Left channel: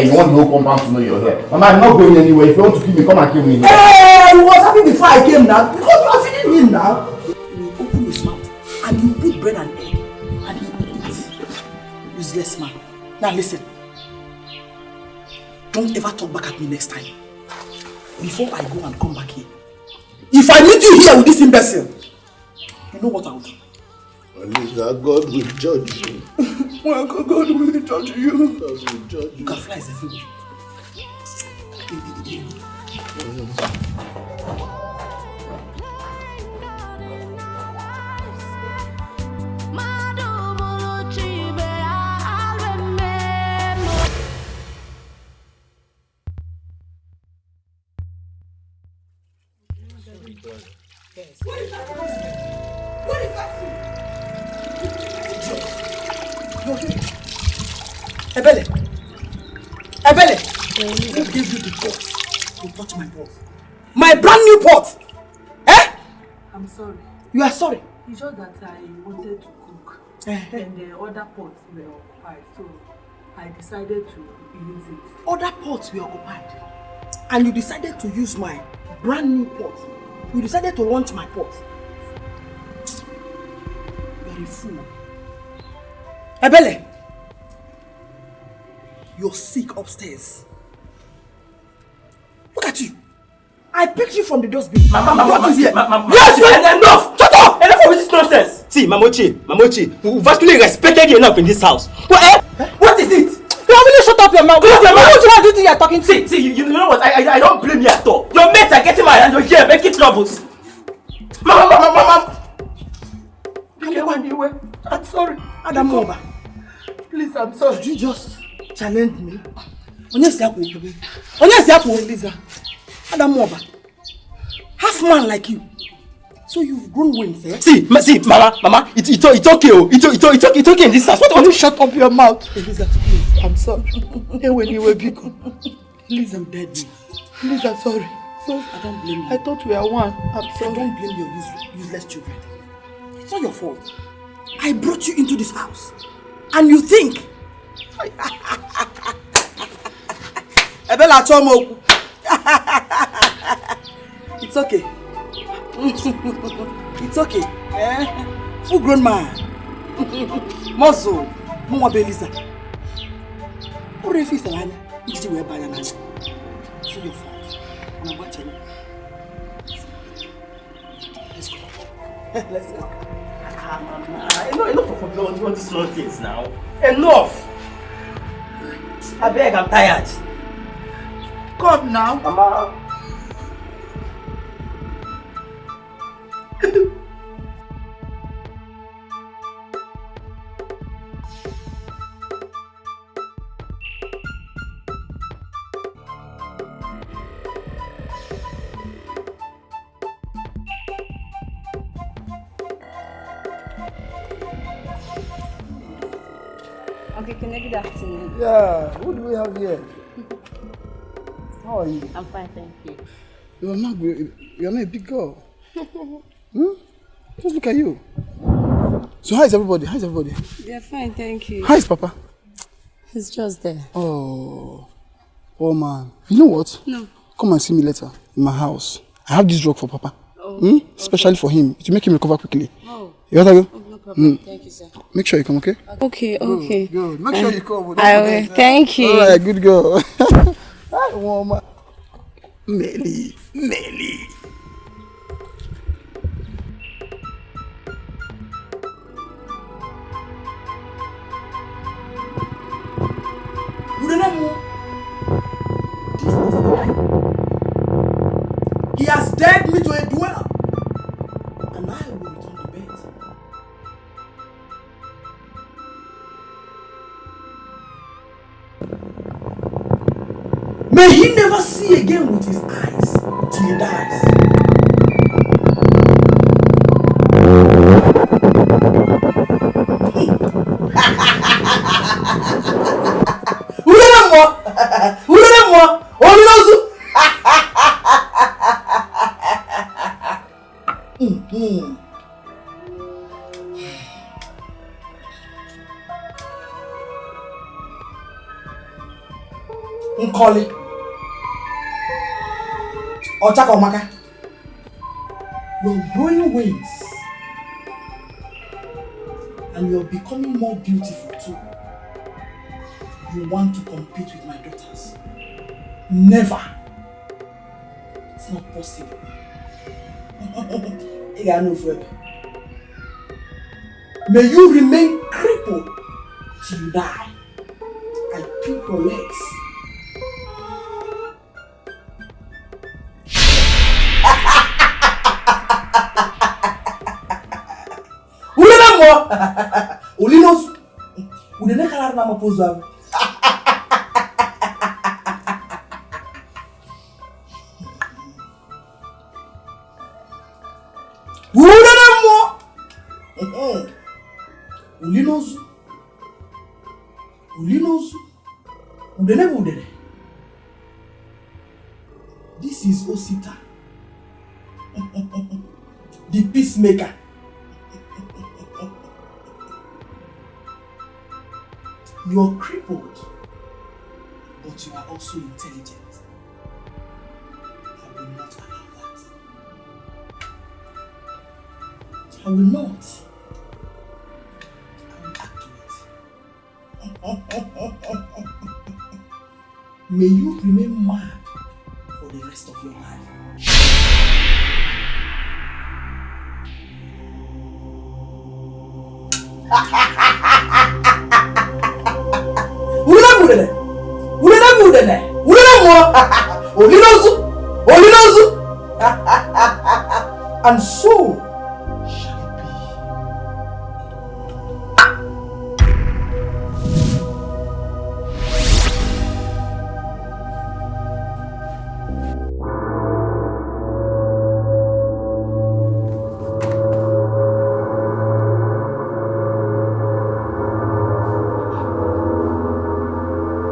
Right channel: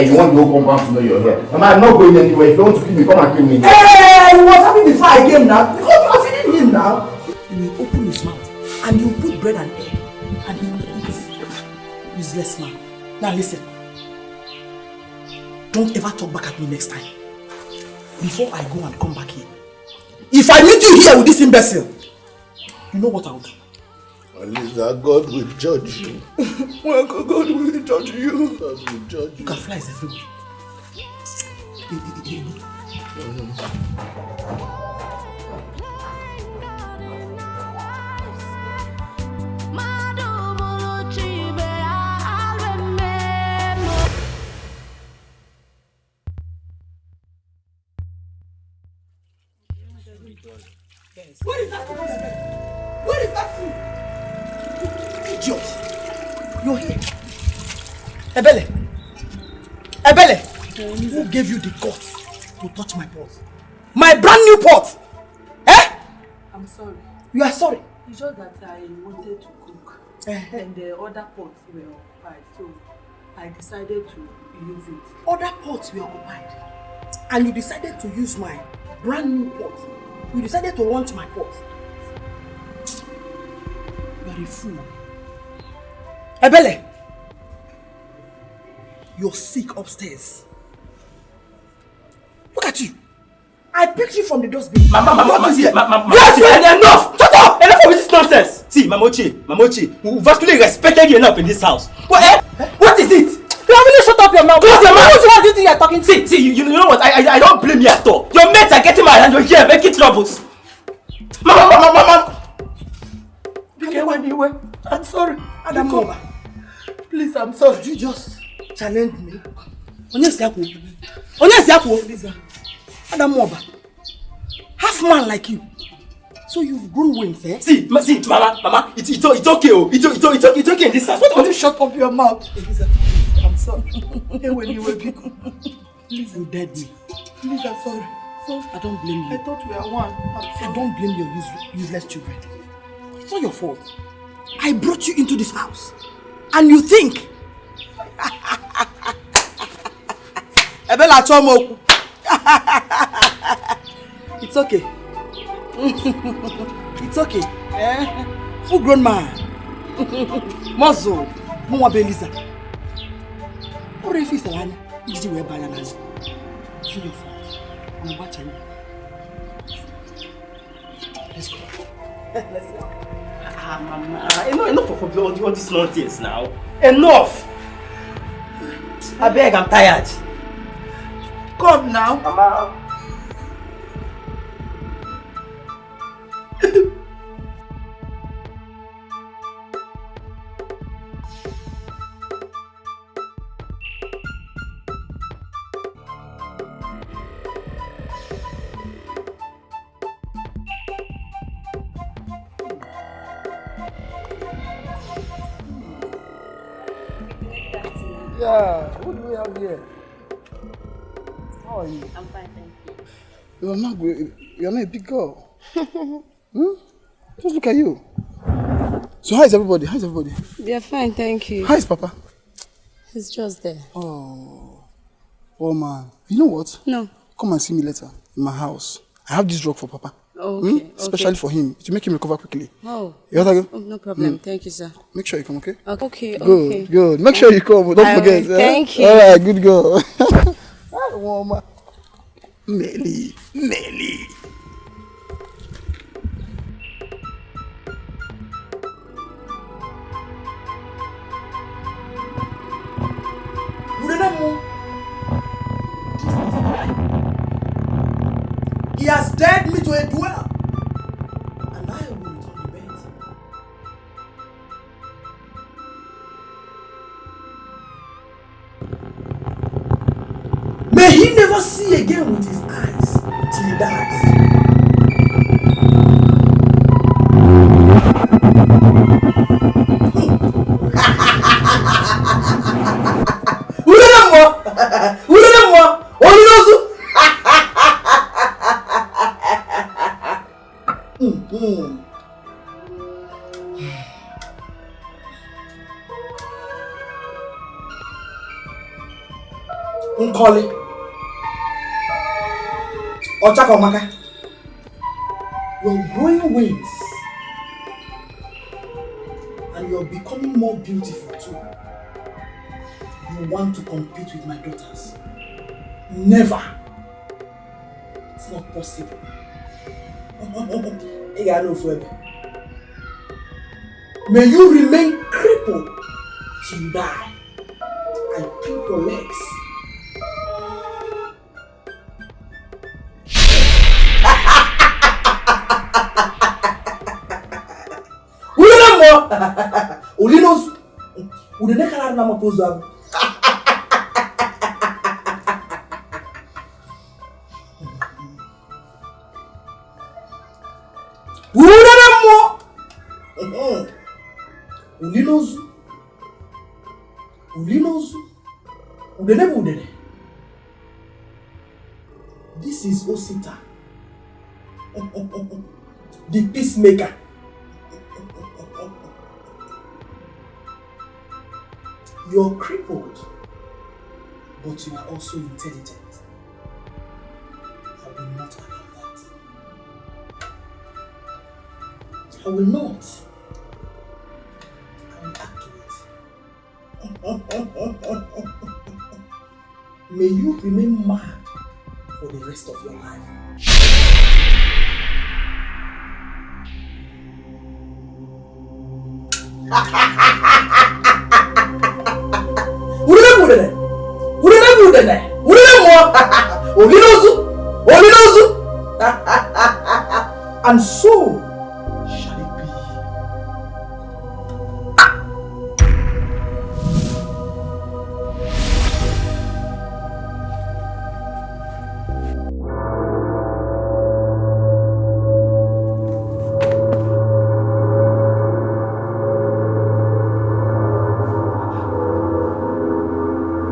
Hey, you want the whole compound to know you're here. Mama, I'm not going anywhere. If you want to kill me, come and kill me. Hey, he was happy before I came now. Because you are feeding him now. He will open his mouth and you put bread and egg and he will eat. Useless man. Now listen. Don't ever talk back at me next time. Before I go and come back here. If I meet you here with this imbecile, you know what I'll do. Lisa, God will judge you. Well, God will judge you. God will judge you. You can fly as everywhere. Yes. Where is that? Where is that food? Idiot! You're here. Ebele! Ebele! Who gave you the guts to touch my pot? My brand new pot! Eh? I'm sorry. You are sorry? It's just that I wanted to cook and the other pots were occupied, so I decided to use it. Other pots were occupied and you decided to use my brand new pot. You decided to launch my pot. You are a fool. Ebele! You're sick upstairs. Look at you. I picked you from the dustbin. Yes, enough! Shut up! Enough of this nonsense! See, Mamochi, we've actually respected you enough in this house. What is it? You really shut up your mouth. Please, your mouth. What do you think you're talking to? See, you know what? I don't blame you at all. Your mates are getting mad and you're here making troubles. Mama! I'm sorry. Adam over. Please, I'm sorry. Did you just challenge me? Lisa. Adam over. Half man like you. So you've grown wings, eh? See, Mama, it's okay. It's okay in this house. What you shut up your mouth? Elisa, please, I'm sorry. Please, you dead me. Please, I'm sorry. I don't blame you. I thought we are one. I'm sorry. I don't blame your useless children. It's not your fault. I brought you into this house. And you think... Ebela Chomo. It's okay. It's okay. Full grown man. Muscle. Mwa Belisa. What if it's a line? It's your banana. It's your fault. I'm watching. Let's go. Let's go. Enough of all these nonsense now. Enough! I beg, I'm tired. Come now. Mama. Yeah, what do we have here? How are you? I'm fine, thank you. You're not a big girl. Just look at you. So how is everybody? They're fine, thank you. How is Papa? He's just there. Oh man. You know what? No. Come and see me later in my house. I have this drug for Papa. Okay. Especially for him, to make him recover quickly. Oh. You want to go? Oh, no problem. Thank you, sir. Make sure you come, okay? Okay. Good. Make sure you come. Don't forget. Thank you. All right, good girl. Hi, woman. Nelly. He has dead me to a dweller. And I will return the bed. May he never see again with his eyes till he dies. Nkoli. Ochakomaka. You're growing wings. And you're becoming more beautiful too. You want to compete with my daughters. Never. It's not possible. May you remain crippled till you die. I pick your legs. Ulinos, udenekala na mapoza. Ulinos, udene. This is Osita, the peacemaker. You're crippled, but you are also intelligent. I will not allow that. I will not. I will act to it. May you remain mad for the rest of your life. And so shall it be.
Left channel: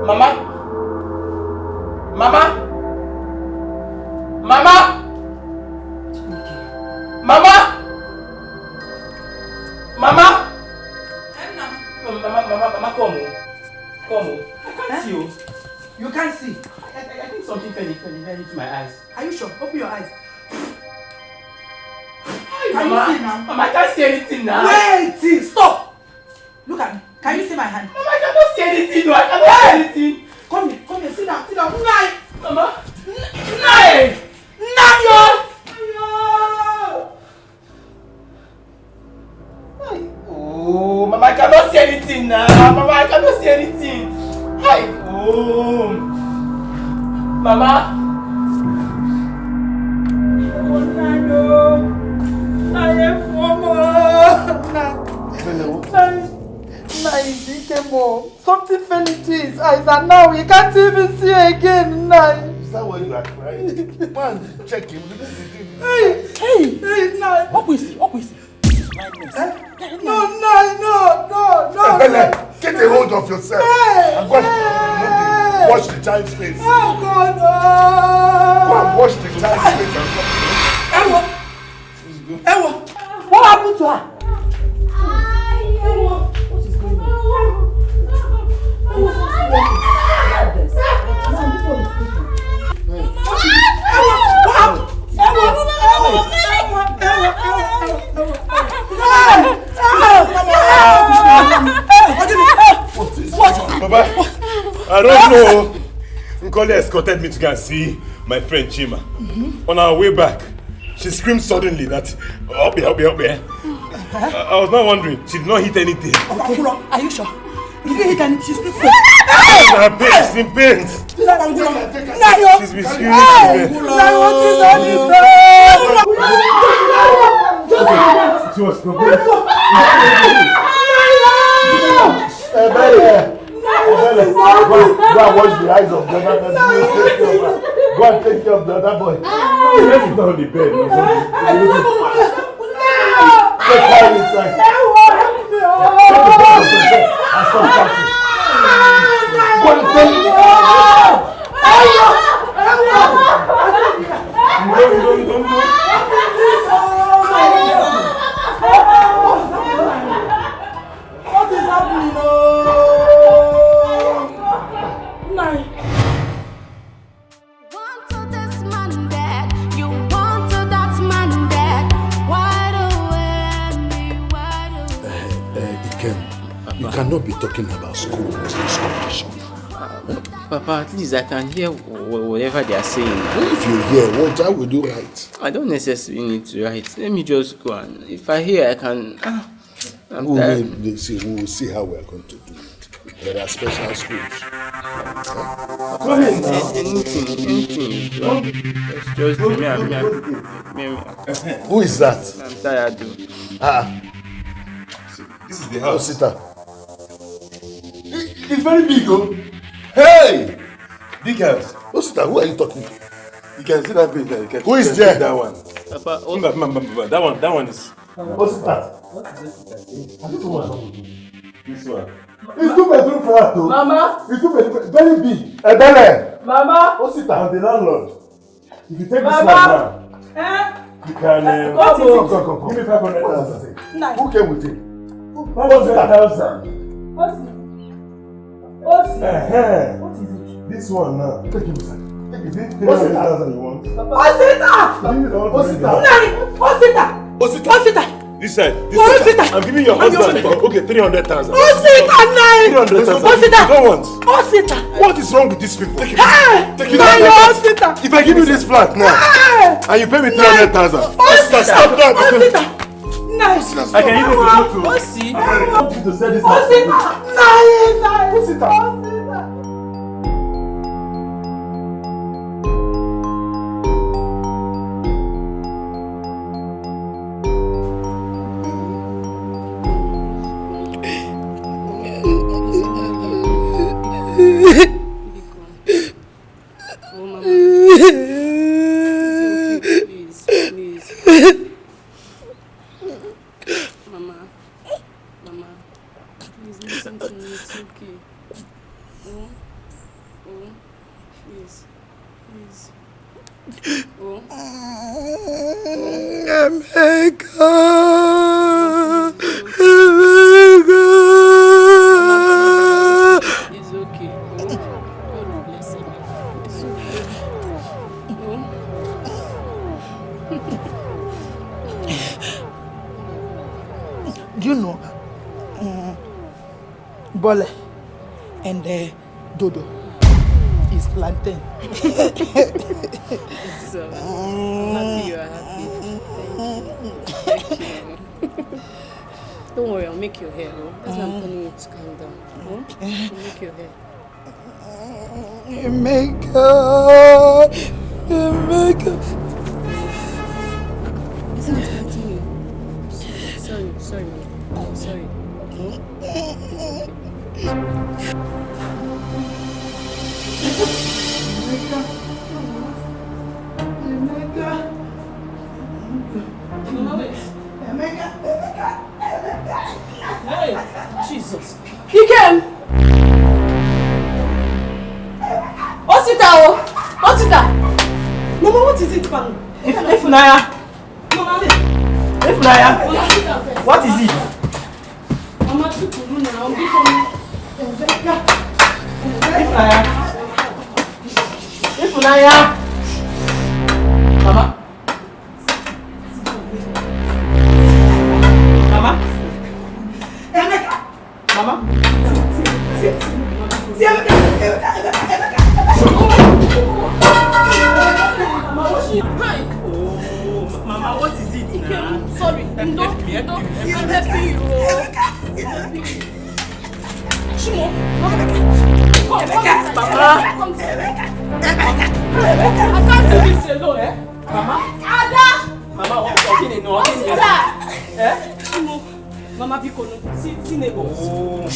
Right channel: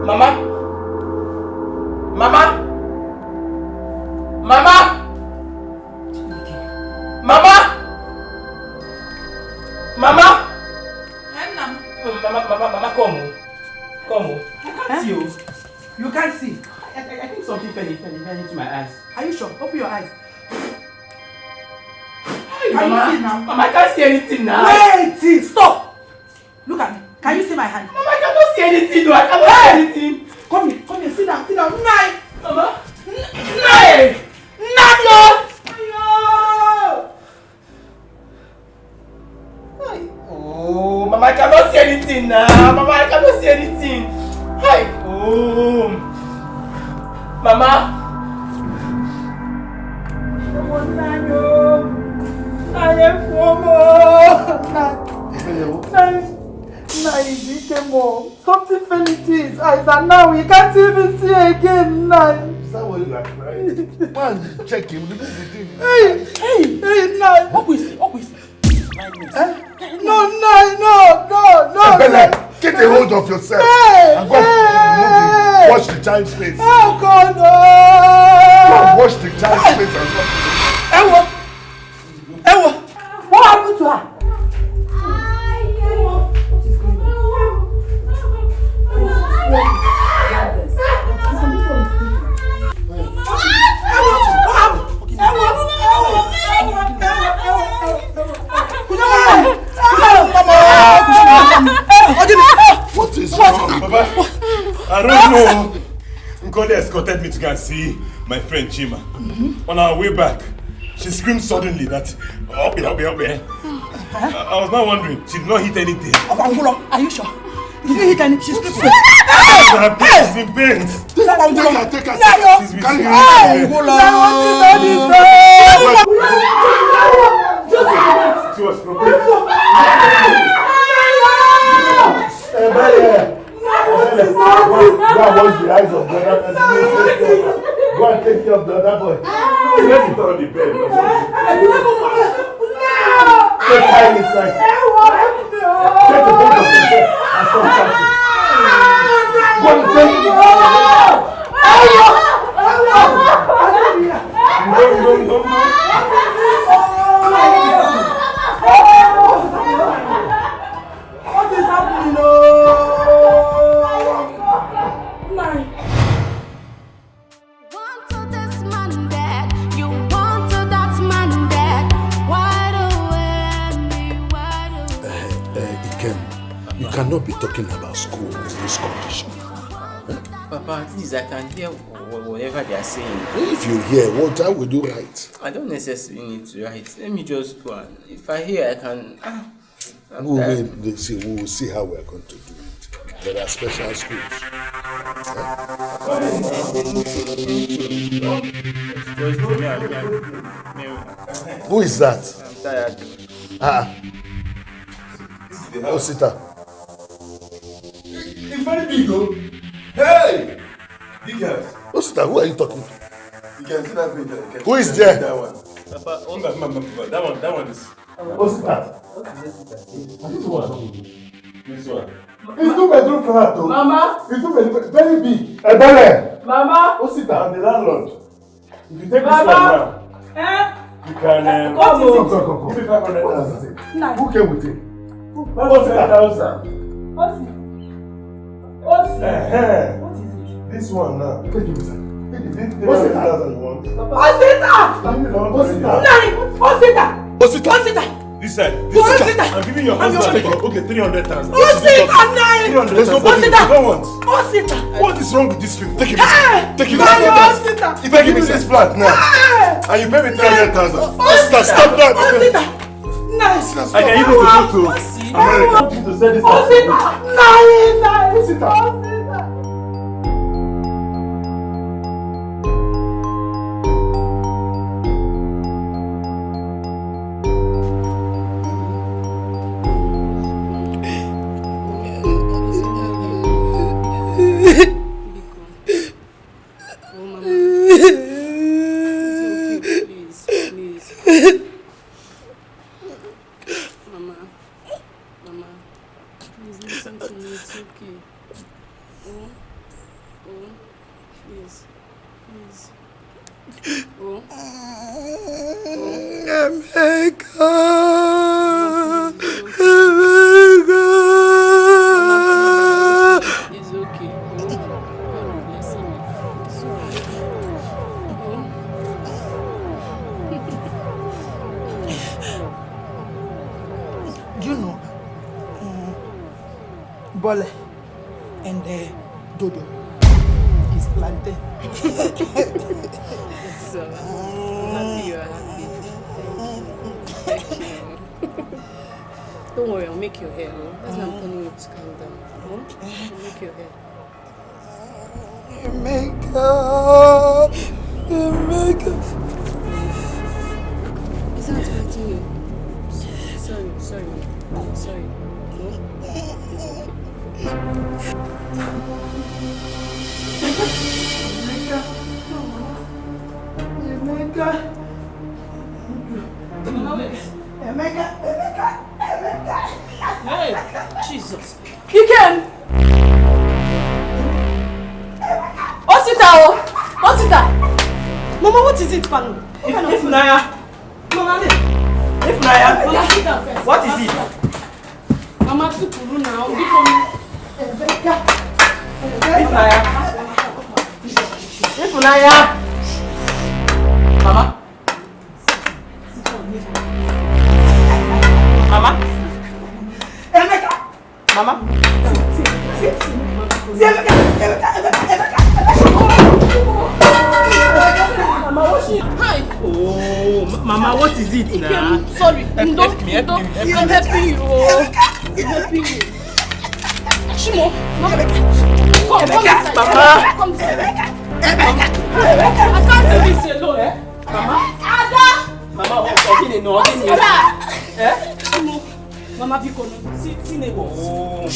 Mama? Mama, come. I can't see you. You can't see. I think something fell into my eyes. Are you sure? Open your eyes. Can you see now? Mama, I can't see anything now. Wait! Stop! Look at me. Can you see my hand? Mama, I cannot see anything. No, I cannot see anything. Come here, sit down. Nine! Mama! Nine! Oh, Mama, I cannot see anything now. Mama, I cannot see anything. Hi. Oh. Mama. Oh, Nano. Something fell into his eyes and now we can't even see again. Is that what you like, right? Man, check him. Hey, Nine. What we see? No. Bele, get a hold of yourself. And go and wash the child's face. Oh God, no. Go and wash the child's face as well. Ewa, what happened to her? What is wrong? Baba, I don't know. Nkoli escorted me to go and see my friend Chima. On our way back, she screamed suddenly that, up here. I was not wondering, she did not hit anything. Are you sure? You didn't hit anything? She's in pain. She's in pain. She's been screaming. She was broken. Go and wash the eyes of the other person. Go and take care of the other boy. Let's sit on the bed. Let's hide inside. Take the bed of yourself and stop shouting. Go and take it. Don't. What is happening? talking about school in this condition? Papa, at least I can hear whatever they are saying. If you hear, what I will do right? I don't necessarily need to write. Let me just go and if I hear, I can. We will see how we are going to do it. There are special schools. Anything. Just do me. Who is that? I'm tired. This is the house. Osita. It's very big, oh. Hey! Big house. Osita, who are you talking to? You can see that big there. Who is there? That one. Papa, That one is. Osita. This one. It's 2 bedroom flat, though. Mama. It's 2 bedroom, very big. Ebele. Mama. Osita, I'm the landlord. If you take this one Mama. now, Eh? you can. What is it? Come. Give me 500,000. Nine. Who came with you? 500,000. What's it? What's it? What is it? This one now. Take it, sir. Take it. 500,000 you want? Osita! Osita! This side. Osita! I'm giving your husband. Okay, 300,000. Osita! 300,000. Osita! You don't want. Osita! What is wrong with this people? Take it. Take it. Osita! If I give you this flat now, and you pay me 300,000. Osita, stop that. Osita! Nice! I can even go to America. To sell this Osita! Nice! Osita. You know, Bole and Dodo is plantain. So, I'm happy you are happy. Thank you. Don't worry, I'll make your hair. Oh? That's why I'm telling you to calm down. Oh? I'll make your hair. Emeka. It's not hurting you. Sorry, man. Sorry. No? It's Emeka. Hey, Jesus. He came. Osita. Mama, what is it, man? Ifunanya. What is it? Mama, people now. Become Ifunanya. Mama. Emeka. Mama. Emeka. Oh, Mama, what is it now? sorry. I'm helping you. I'm helping you. Shimo, come inside. Come inside. I can't do this alone. Mama. Ada. Mama, Shimo. Mama, Biko, see neighbor. Oh.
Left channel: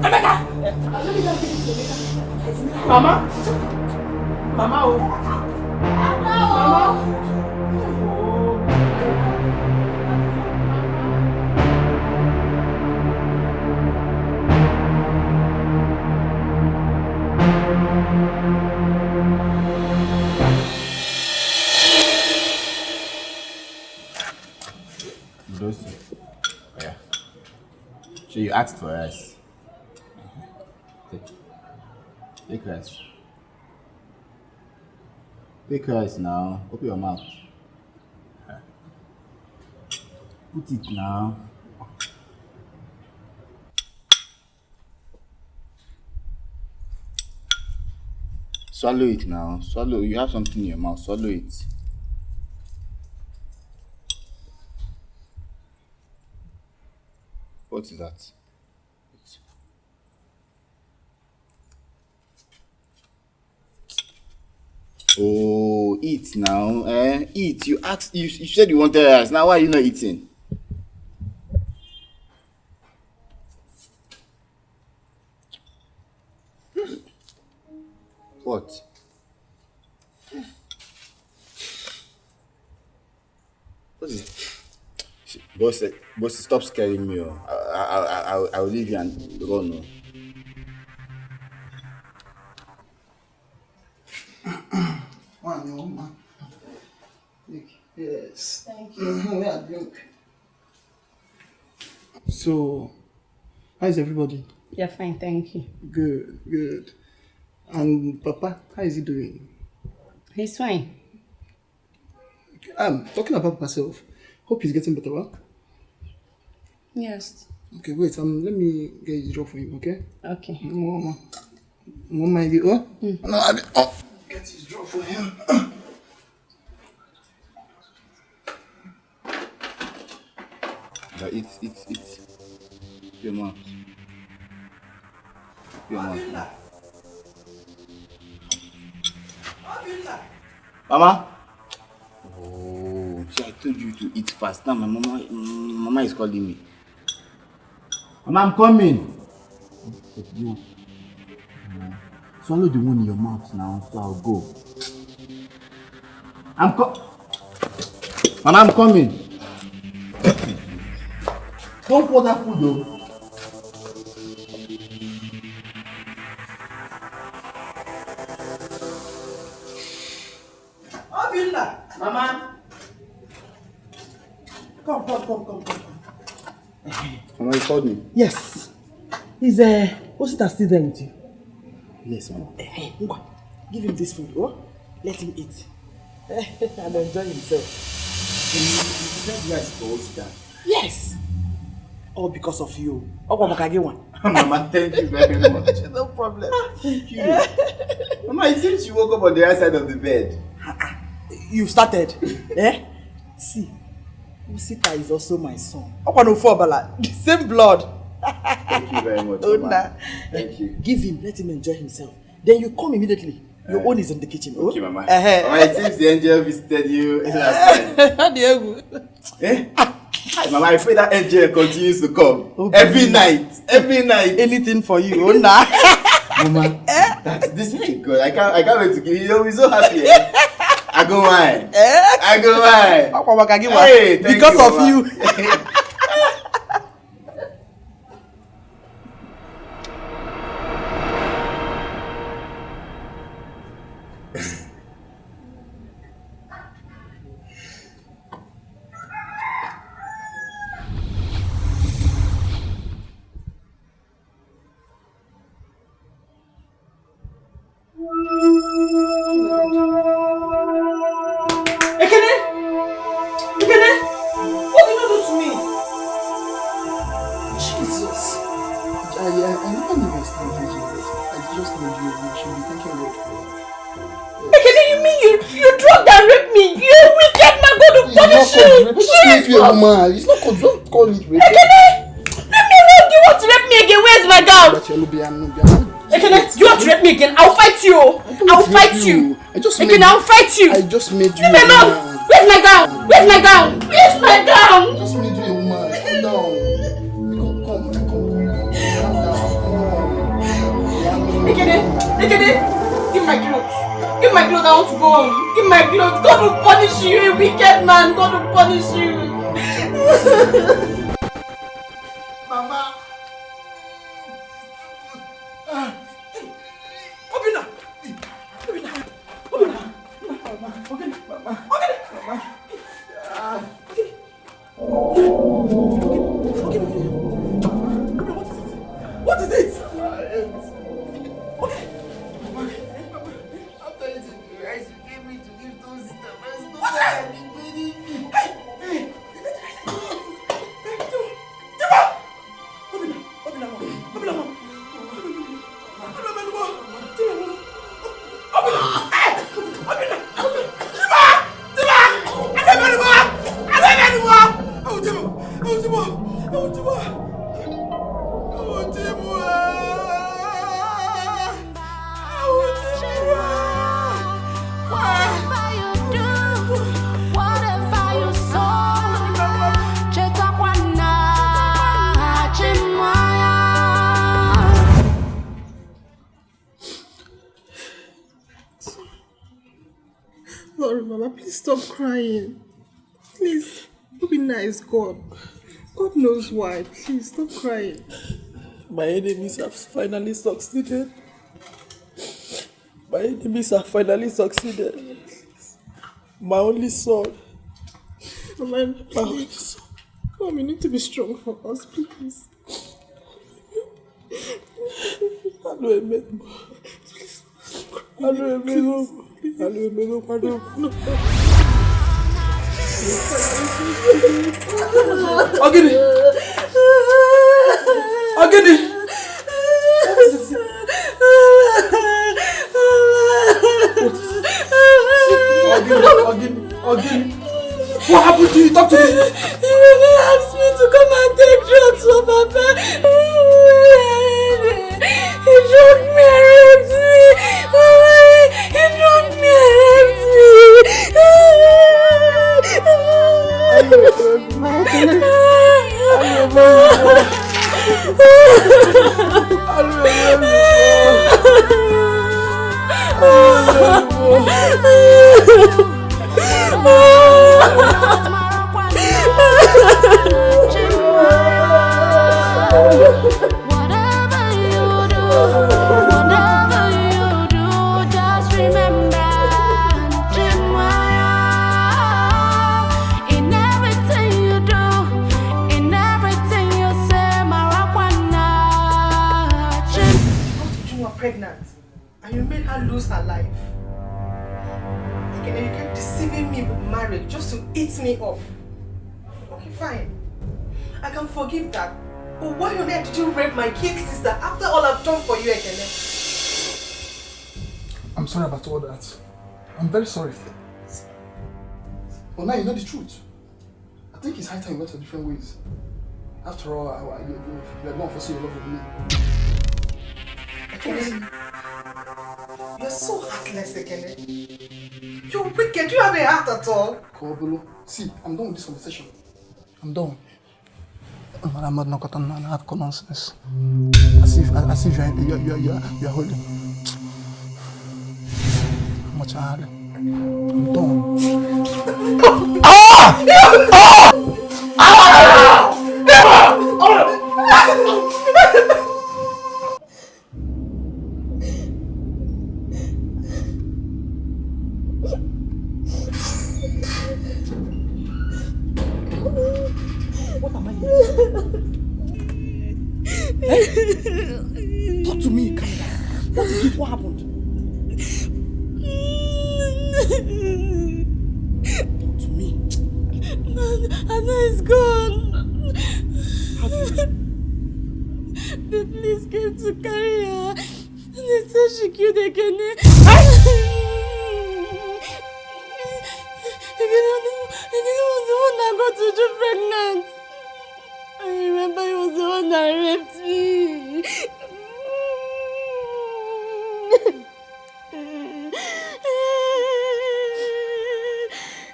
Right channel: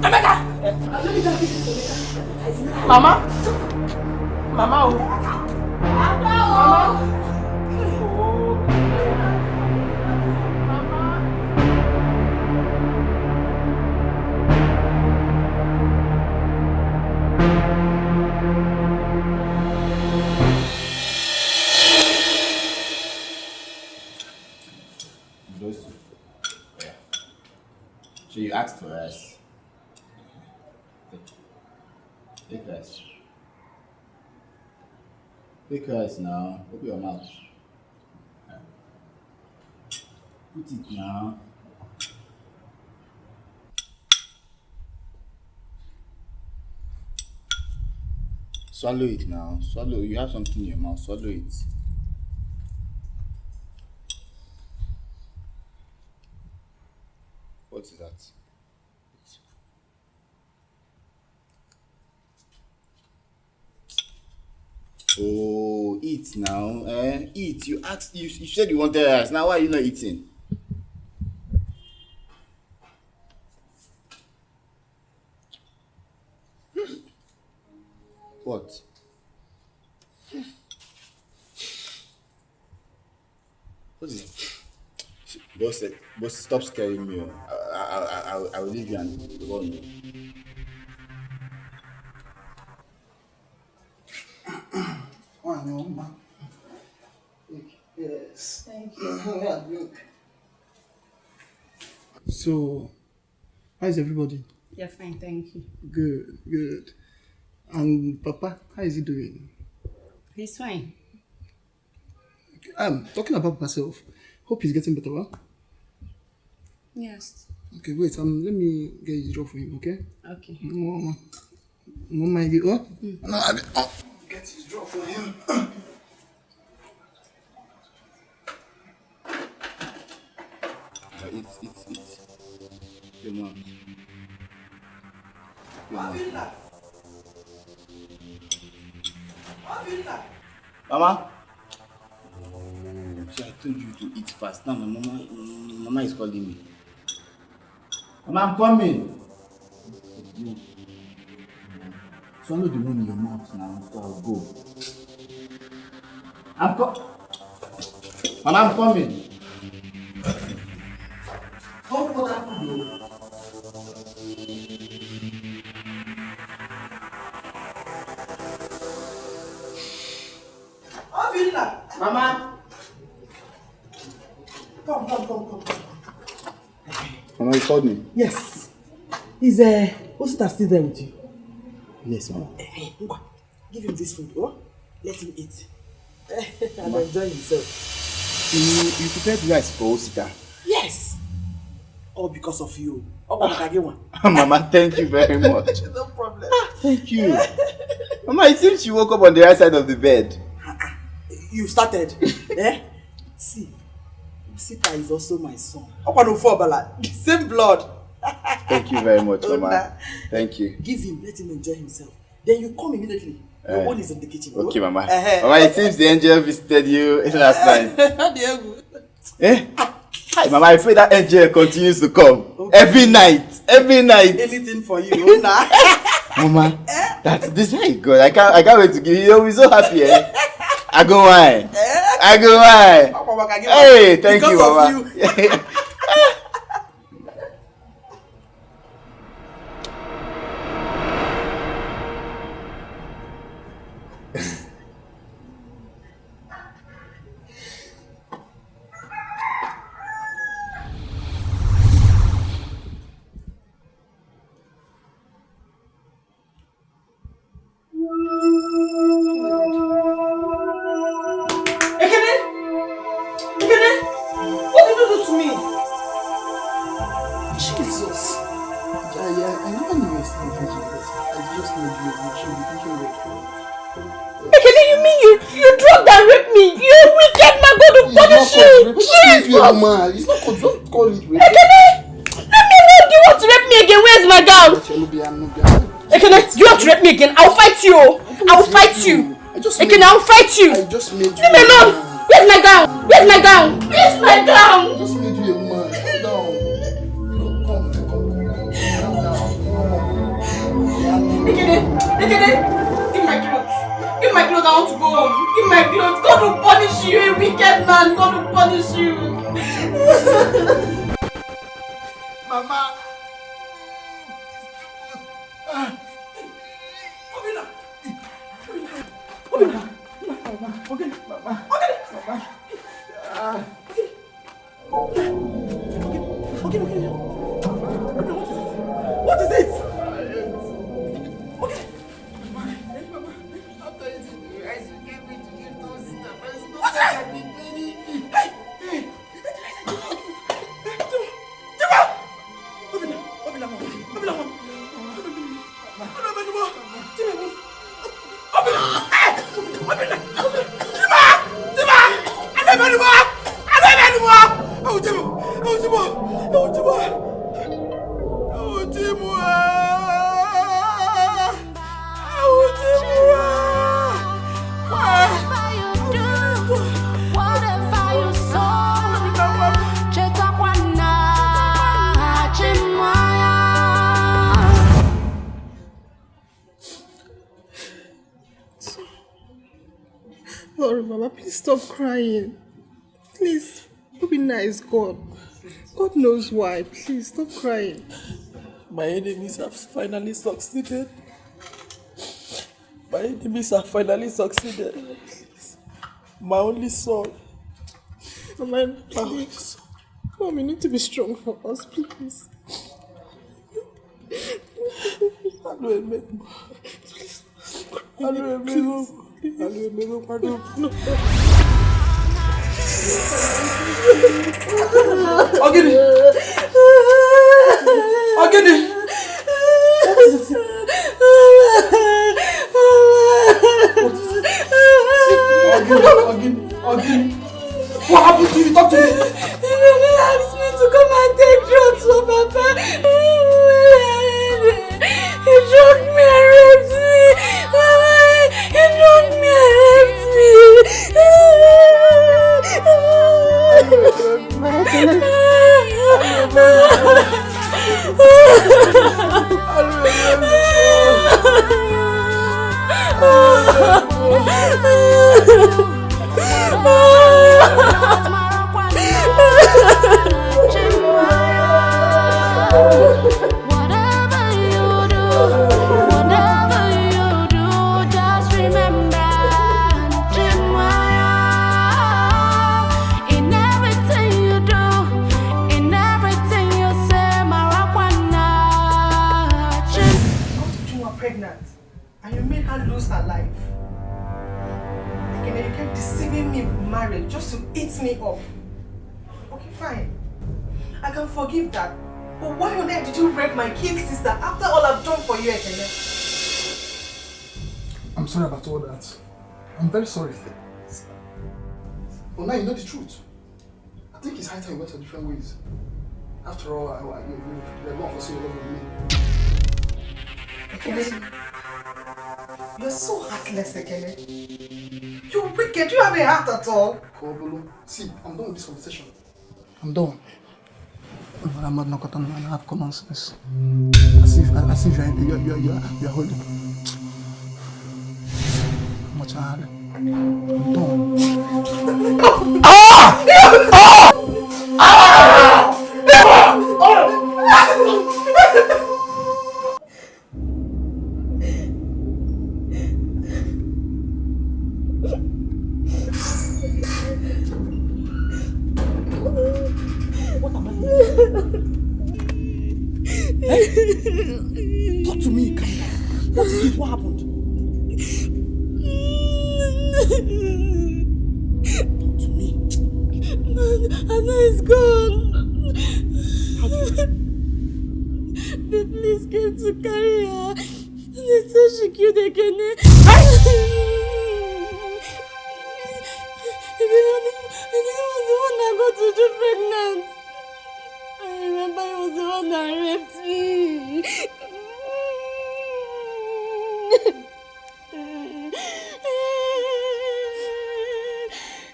Emeka. Mama. Mama. Yeah. So you asked for rice. Take rice. Take rice now. Open your mouth. Put it now. Swallow it now. Swallow. You have something in your mouth. Swallow it. What is that? Oh, eat now. Eat. You asked. You said you wanted rice. Now why are you not eating? What? What is it? Boss, stop scaring me. I will leave you and run. Yes. Thank you. So, how is everybody? You're fine, thank you. Good. And Papa, how is he doing? He's fine. Talking about myself. Hope he's getting better, huh? Yes. Okay, wait. Let me get his job for him, okay? Okay. Mama, oh? No, get his job for him. It's your mouth. Mama? Oh, see, I told you to eat fast. Now my mama is calling me. Mama, I'm coming. Swallow the one in your mouth now, so I'll go. Mama, I'm coming. Don't pour that food though. Mama. Come. Mama, you called me? Yes. Is Osita still there with you? Yes, Mama. Give him this food, oh? Let him eat. And enjoy himself. You prepared rice for Osita? Yes. All because of you. Mama, thank you very much. No problem. Thank you. Mama, it seems you woke up on the right side of the bed. You started. See, Osita is also my son. Same blood. Thank you very much, Mama. Thank you. Give him, let him enjoy himself. Then you come immediately. Your own is in the kitchen. Okay, Mama. Mama, it seems the angel visited you last time. Mama, I pray that angel continues to come. Okay. Every night. Anything for you. Mama, this is good. I can't wait to give you. You'll be so happy. I go wine. Hey, thank because you, Mama. Because of you. I never knew you were still a virgin, but I just told you should be thanking God for that. Ekene, you mean you drugged and raped me? You wicked man, God will punish you! It's not woman. It's not called, don't call it rape. Ekene, let me alone. Do you want to rape me again? Where's my gown? Ekene, you want to rape me again? I'll fight you! I'll fight you! Ekene, I'll fight you! I just made you leave me alone! Where's my gown? Where's my gown? Where's my gown? I just made you a woman. Calm down. Calm down. Ekene, give my clothes. Give my clothes, I want to go home. Give my clothes. God will punish you, you wicked man. God will punish you. Mama. What is it? Sorry, Mama. Please stop crying. Please, be nice, God. God knows why. Please stop crying. My enemies have finally succeeded. My enemies have finally succeeded. My only son. Mama, please. Mom, you need to be strong for us, please. Ogini! What happened to you? Talk to me! He really asked me to come and take drugs for Papa. He drugged me and raped me. He drugged me and raped pregnant and you made her lose her life. Again, you kept deceiving me with marriage just to eat me up. Okay, fine. I can forgive that. But why on earth did you rape my kid sister after all I've done for you, Ekene? I'm sorry about all that. I'm very sorry. But now you know the truth. I think it's high time we went our different ways. After all, you're not for your love with me. Ekene, you're so heartless, Ekene. You're wicked. You have a heart at all. Kobolo, see, I'm done with this conversation. I'm done. I'm not going to have common sense. As if you're holding. How much I had? I'm done. What am I doing? Talk to me, Kanda. What is it? What happened? Talk to me. Anna is gone. How did you? The police came to carry her. They said she killed Ekene. Ekene was the one that got Uju pregnant. I remember he was the one that raped me.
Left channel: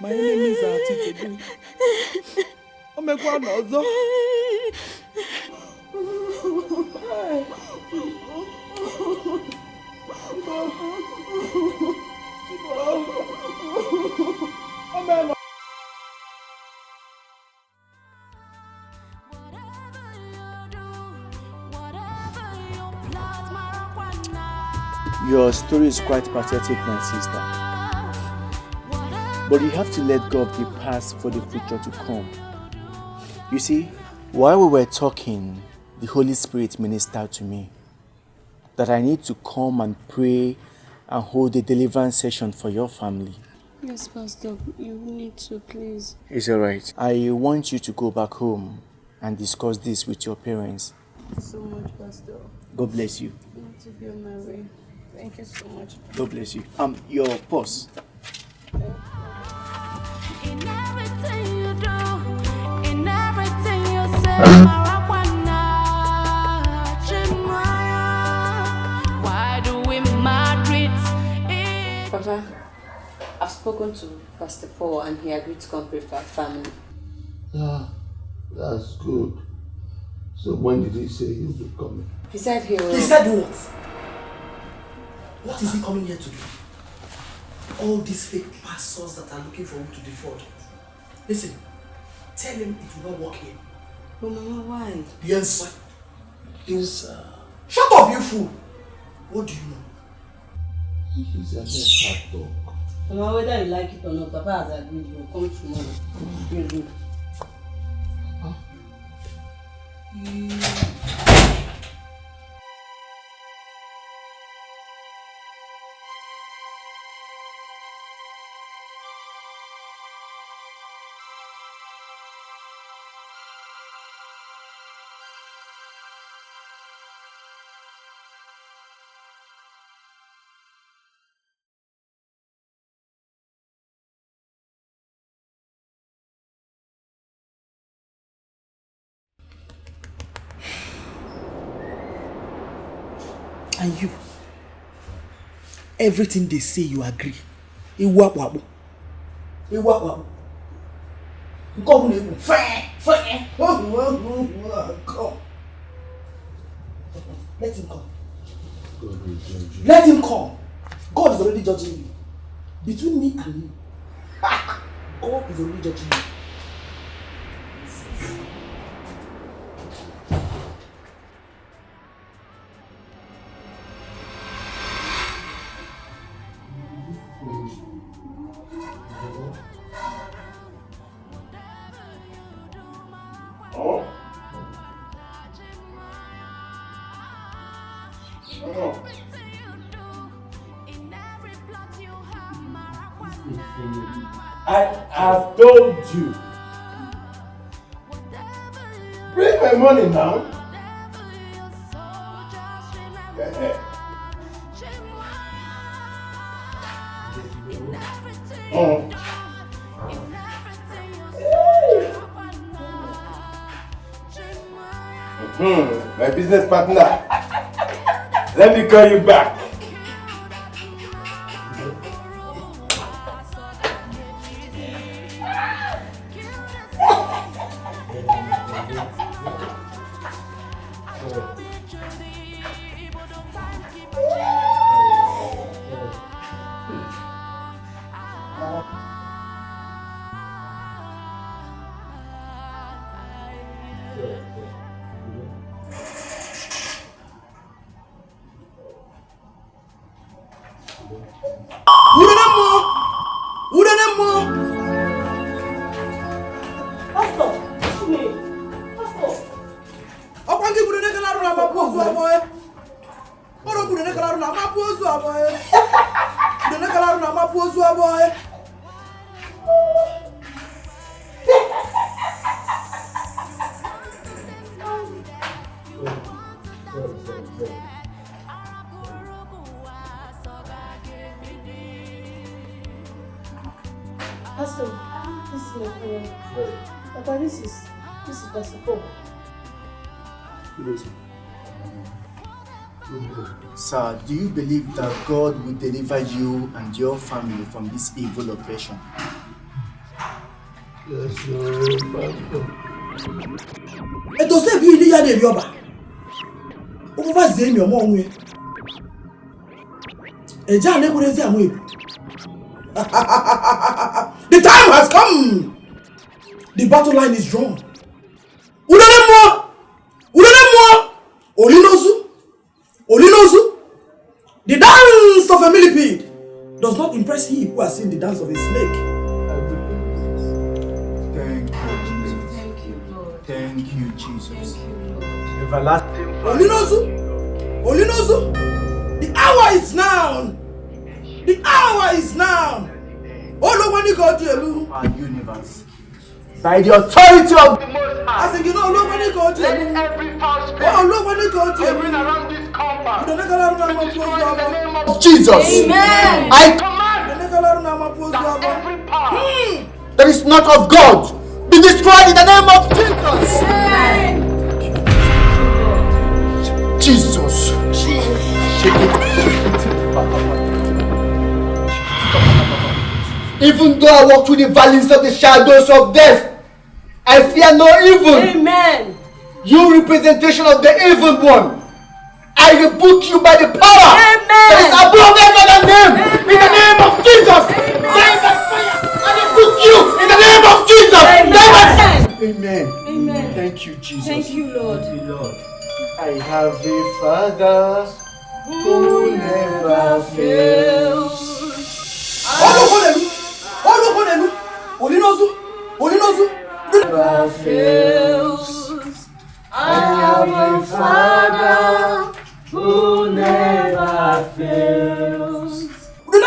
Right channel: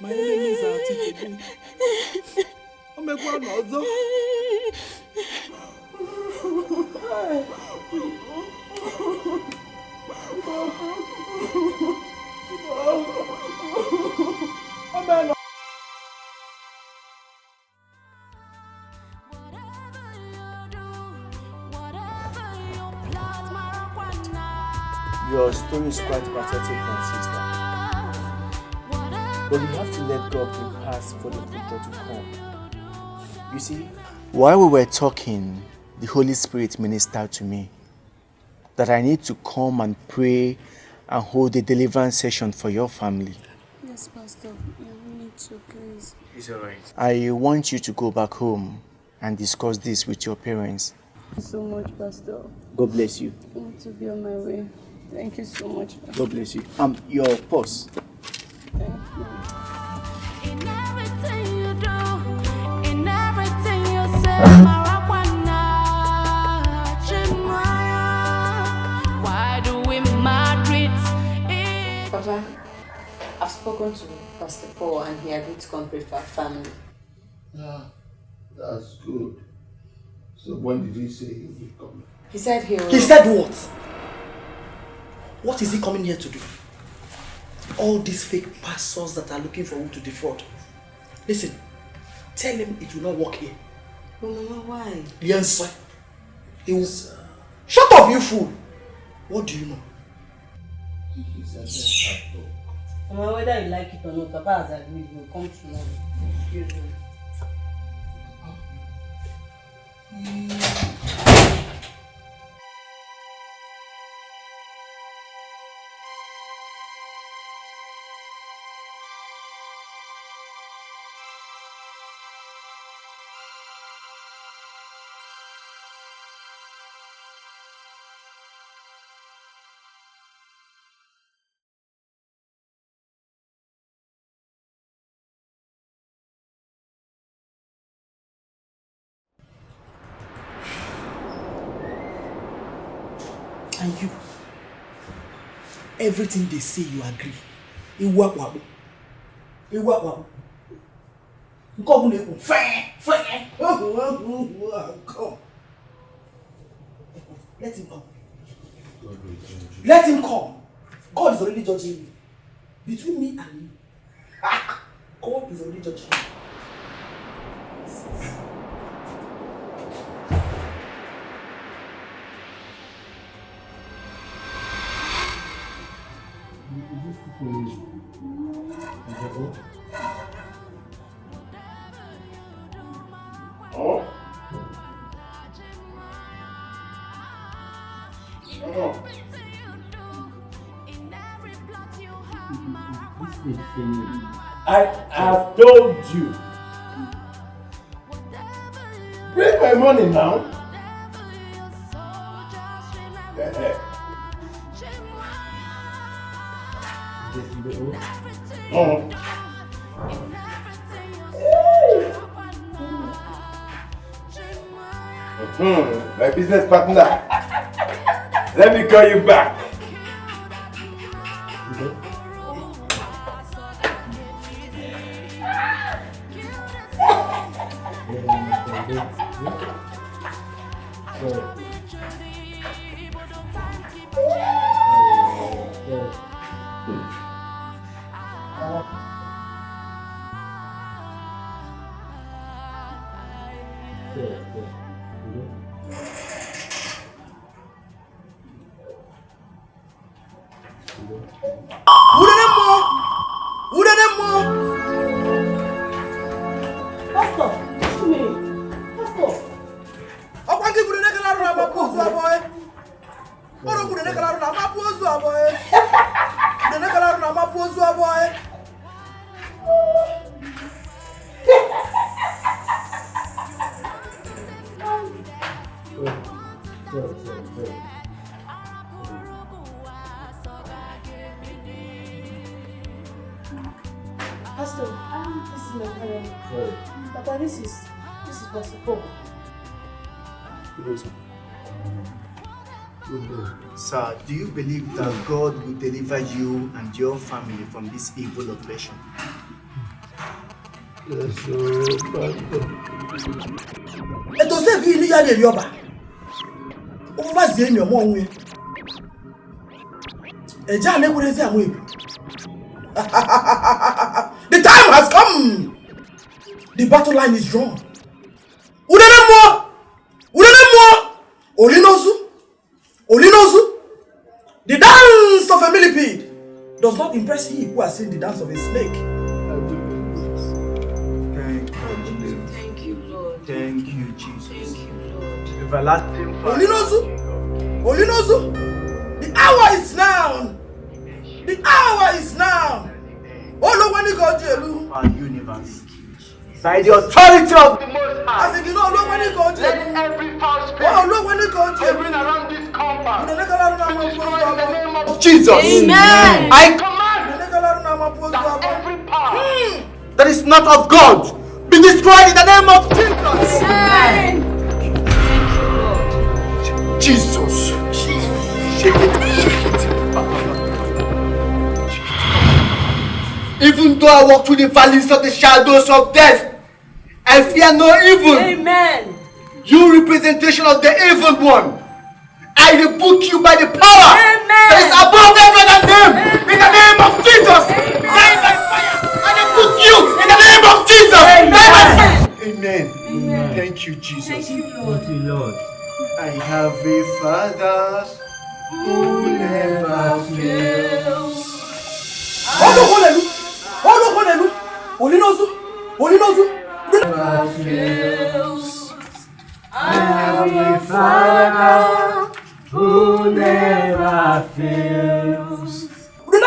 My enemies are at it again. I'm a one also. Your story is quite pathetic, my sister. But you have to let go of the past for the future to come. You see, while we were talking, the Holy Spirit ministered to me that I need to come and pray and hold a deliverance session for your family. Yes, Pastor, you need to, please. It's alright. I want you to go back home and discuss this with your parents. Thank you so much, Pastor. God bless you. I want to be on my way. Thank you so much, Pastor. God bless you. Your purse. In everything you do, in everything you say, why do we marry? Papa, I've spoken to Pastor Paul and he agreed to come pray for our family. Yeah, that's good. So when did he say he would be coming? He said he will... He said what? What is he coming here to do? all these fake pastors that are looking for who to defraud. Listen, tell him it will not work here. But Mama, why? Yes. He will. Shut up, you fool! What do you know? He's a bad dog. Mama, whether you like it or not, Papa has agreed. You'll come tomorrow. Excuse me. And you, everything they say you agree. Iwawabu. Come. Let him come. Let him come. God is already judging you. Between me and you, God is already judging you. I have told you. Bring my money now. My business partner. Let me call you back. Sir, do you believe that God will deliver you and your family from this evil oppression? Yes, sir. Et to say bi ni ya de yoba. O fa ze mi omo onwe. E ja le kure ze amu. The time has come. The battle line is drawn. Udene mo. Olinosu. The dance of a millipede does not impress he who has seen the dance of a snake. Thank you, God. Thank you, Jesus. Everlasting Father. Olinosu. The hour is now. The hour is now. Oh, no, when you go to our universe. By the authority of the Most High, I think you know, look when you go to let every foul spirit hovering around this compound be destroyed in the name of Jesus. Amen. I command that every power that is not of God be destroyed in the name of Jesus. Amen. Jesus. Even though I walk through the valleys of the shadows of death, I fear no evil. Amen. You representation of the evil one, I rebuke you by the power that is above every other name. In the name of Jesus. Father who never fails. Never fails. I have a Father who never fails. In the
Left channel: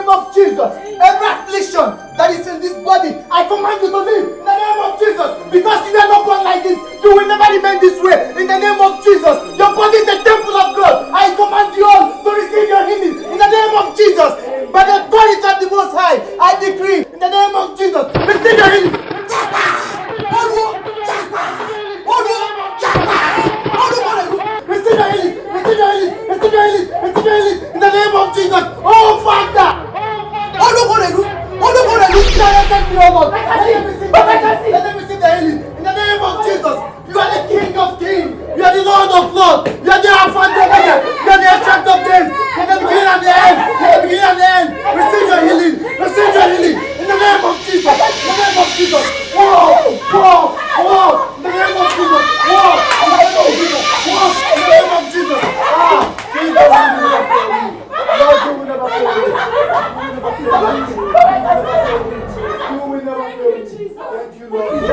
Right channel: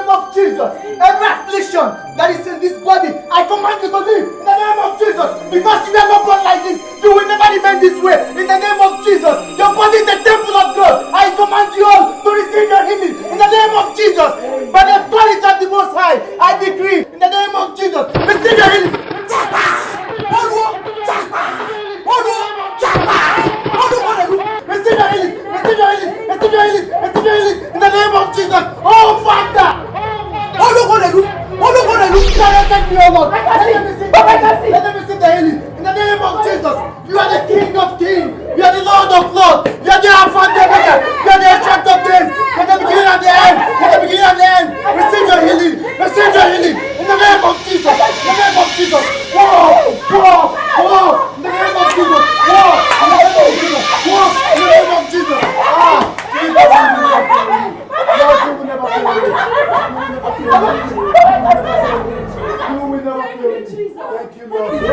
name of Jesus, every affliction that is in this body, I command you to leave in the name of Jesus. Because you are not born like this, you will never remain this way. In the name of Jesus, your body is the temple of God. I command you all to receive your healing in the name of Jesus. By the authority of the Most High, I decree in the name of Jesus, receive your healing. Receive your healing, receive your healing, receive your healing, receive your healing in the name of Jesus. Oh Father! Let me see the healing in the name of Jesus. You are the King of Kings, you are the Lord of Lords, you are the Alpha and Omega, you are the Ancient of Days, you are the beginning and the end, you are the beginning and the end. Receive your healing, receive your healing in the name of Jesus, in the name of Jesus. Whoa, whoa, whoa, in the name of Jesus, whoa, in the name of Jesus, whoa, in the name of Jesus. Jesus, Lord, you will never fail me. You will never fail me. Thank you, Lord. Thank you,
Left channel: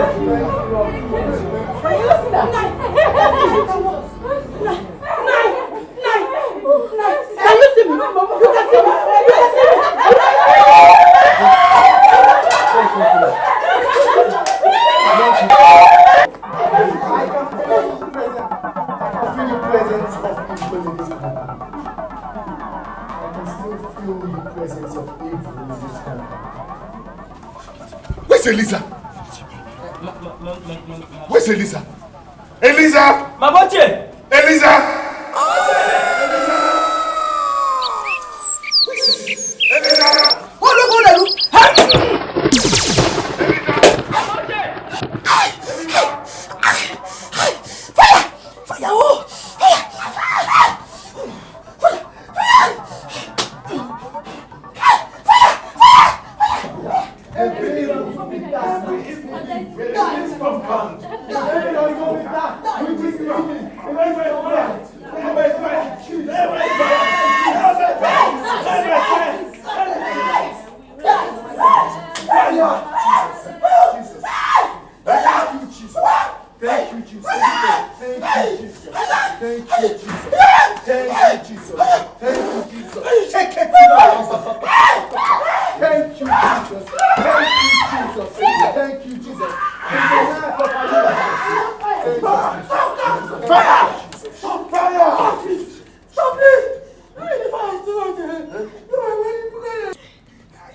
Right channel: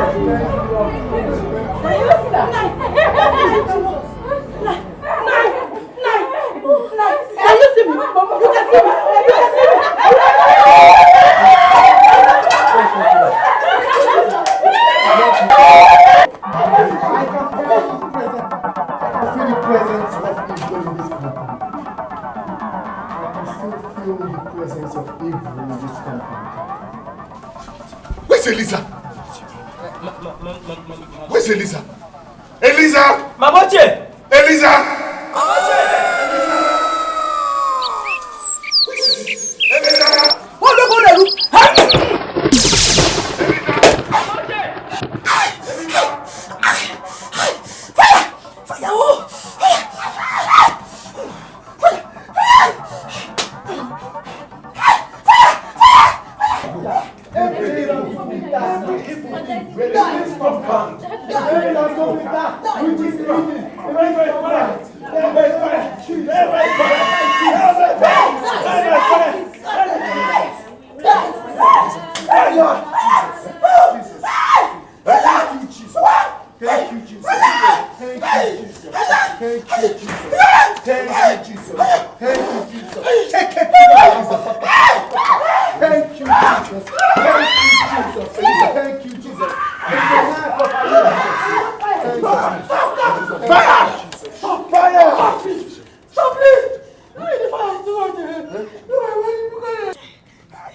Can you see me? You can see me. You can see me. I feel the presence of evil in this company. I can still feel the presence of evil in this company. Where's Eliza? Where's Eliza? Eliza! Mamoche! Eliza!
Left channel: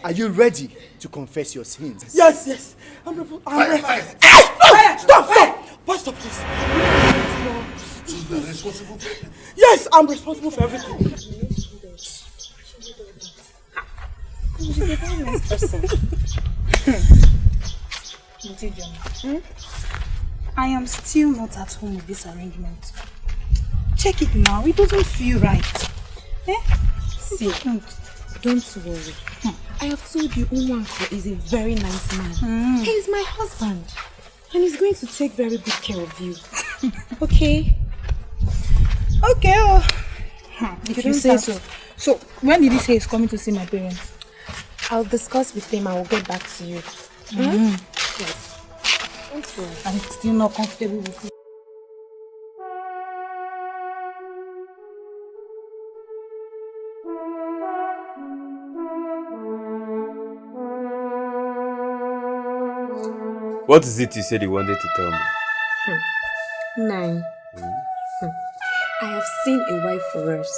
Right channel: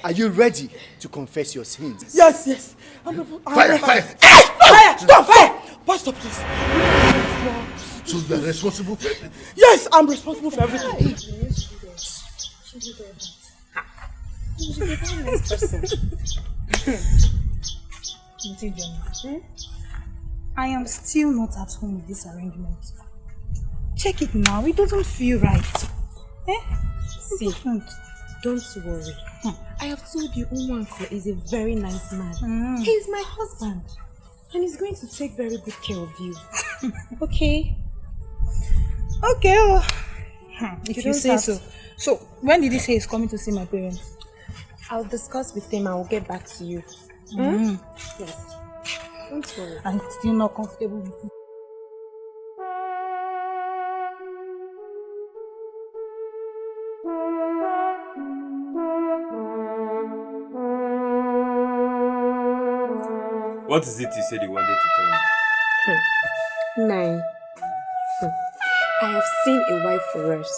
Are you ready to confess your sins? Yes, yes. Fire! Fire! Stop! Pastor, please. So you are responsible for everything? Yes, I'm responsible for everything. She's a very nice person. I am still not at home with this arrangement. Check it now. It doesn't feel right. See, don't worry. I have told you Unwanko is a very nice man. He is my husband. And he's going to take very good care of you. Okay? Okay. If you say so. So, when did he say he's coming to see my parents? I'll discuss with him. I will get back to you. Yes. Don't worry. I'm still not comfortable with you. What is it you said you wanted to tell me? 9. I have seen a wife for us.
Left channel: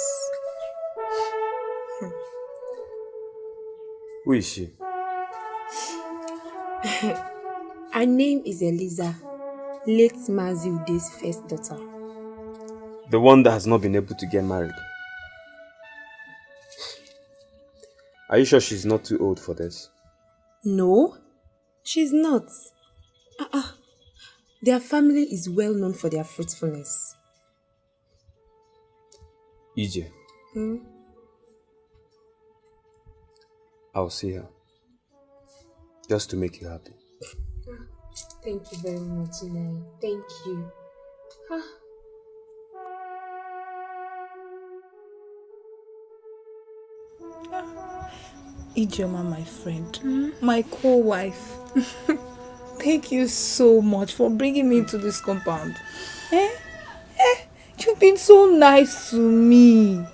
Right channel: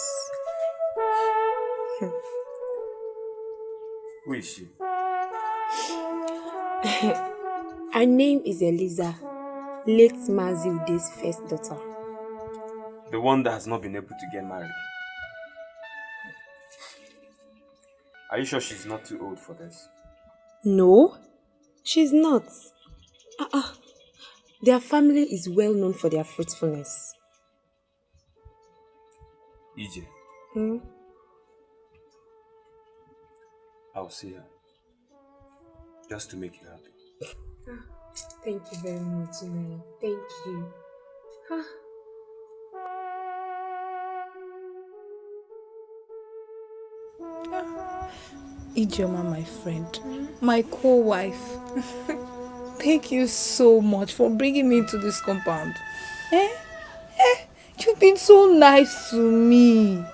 Who is she? Her name is Eliza, late Mazi Ude's first daughter. The one that has not been able to get married. Are you sure she's not too old for this? No, she's not. Their family is well known for their fruitfulness. EJ. I'll see her. Just to make you happy. Thank you very much, Nai. Thank you. Ijeoma, my friend, my co-wife. Thank you so much for bringing me to this compound. You've been so nice to me.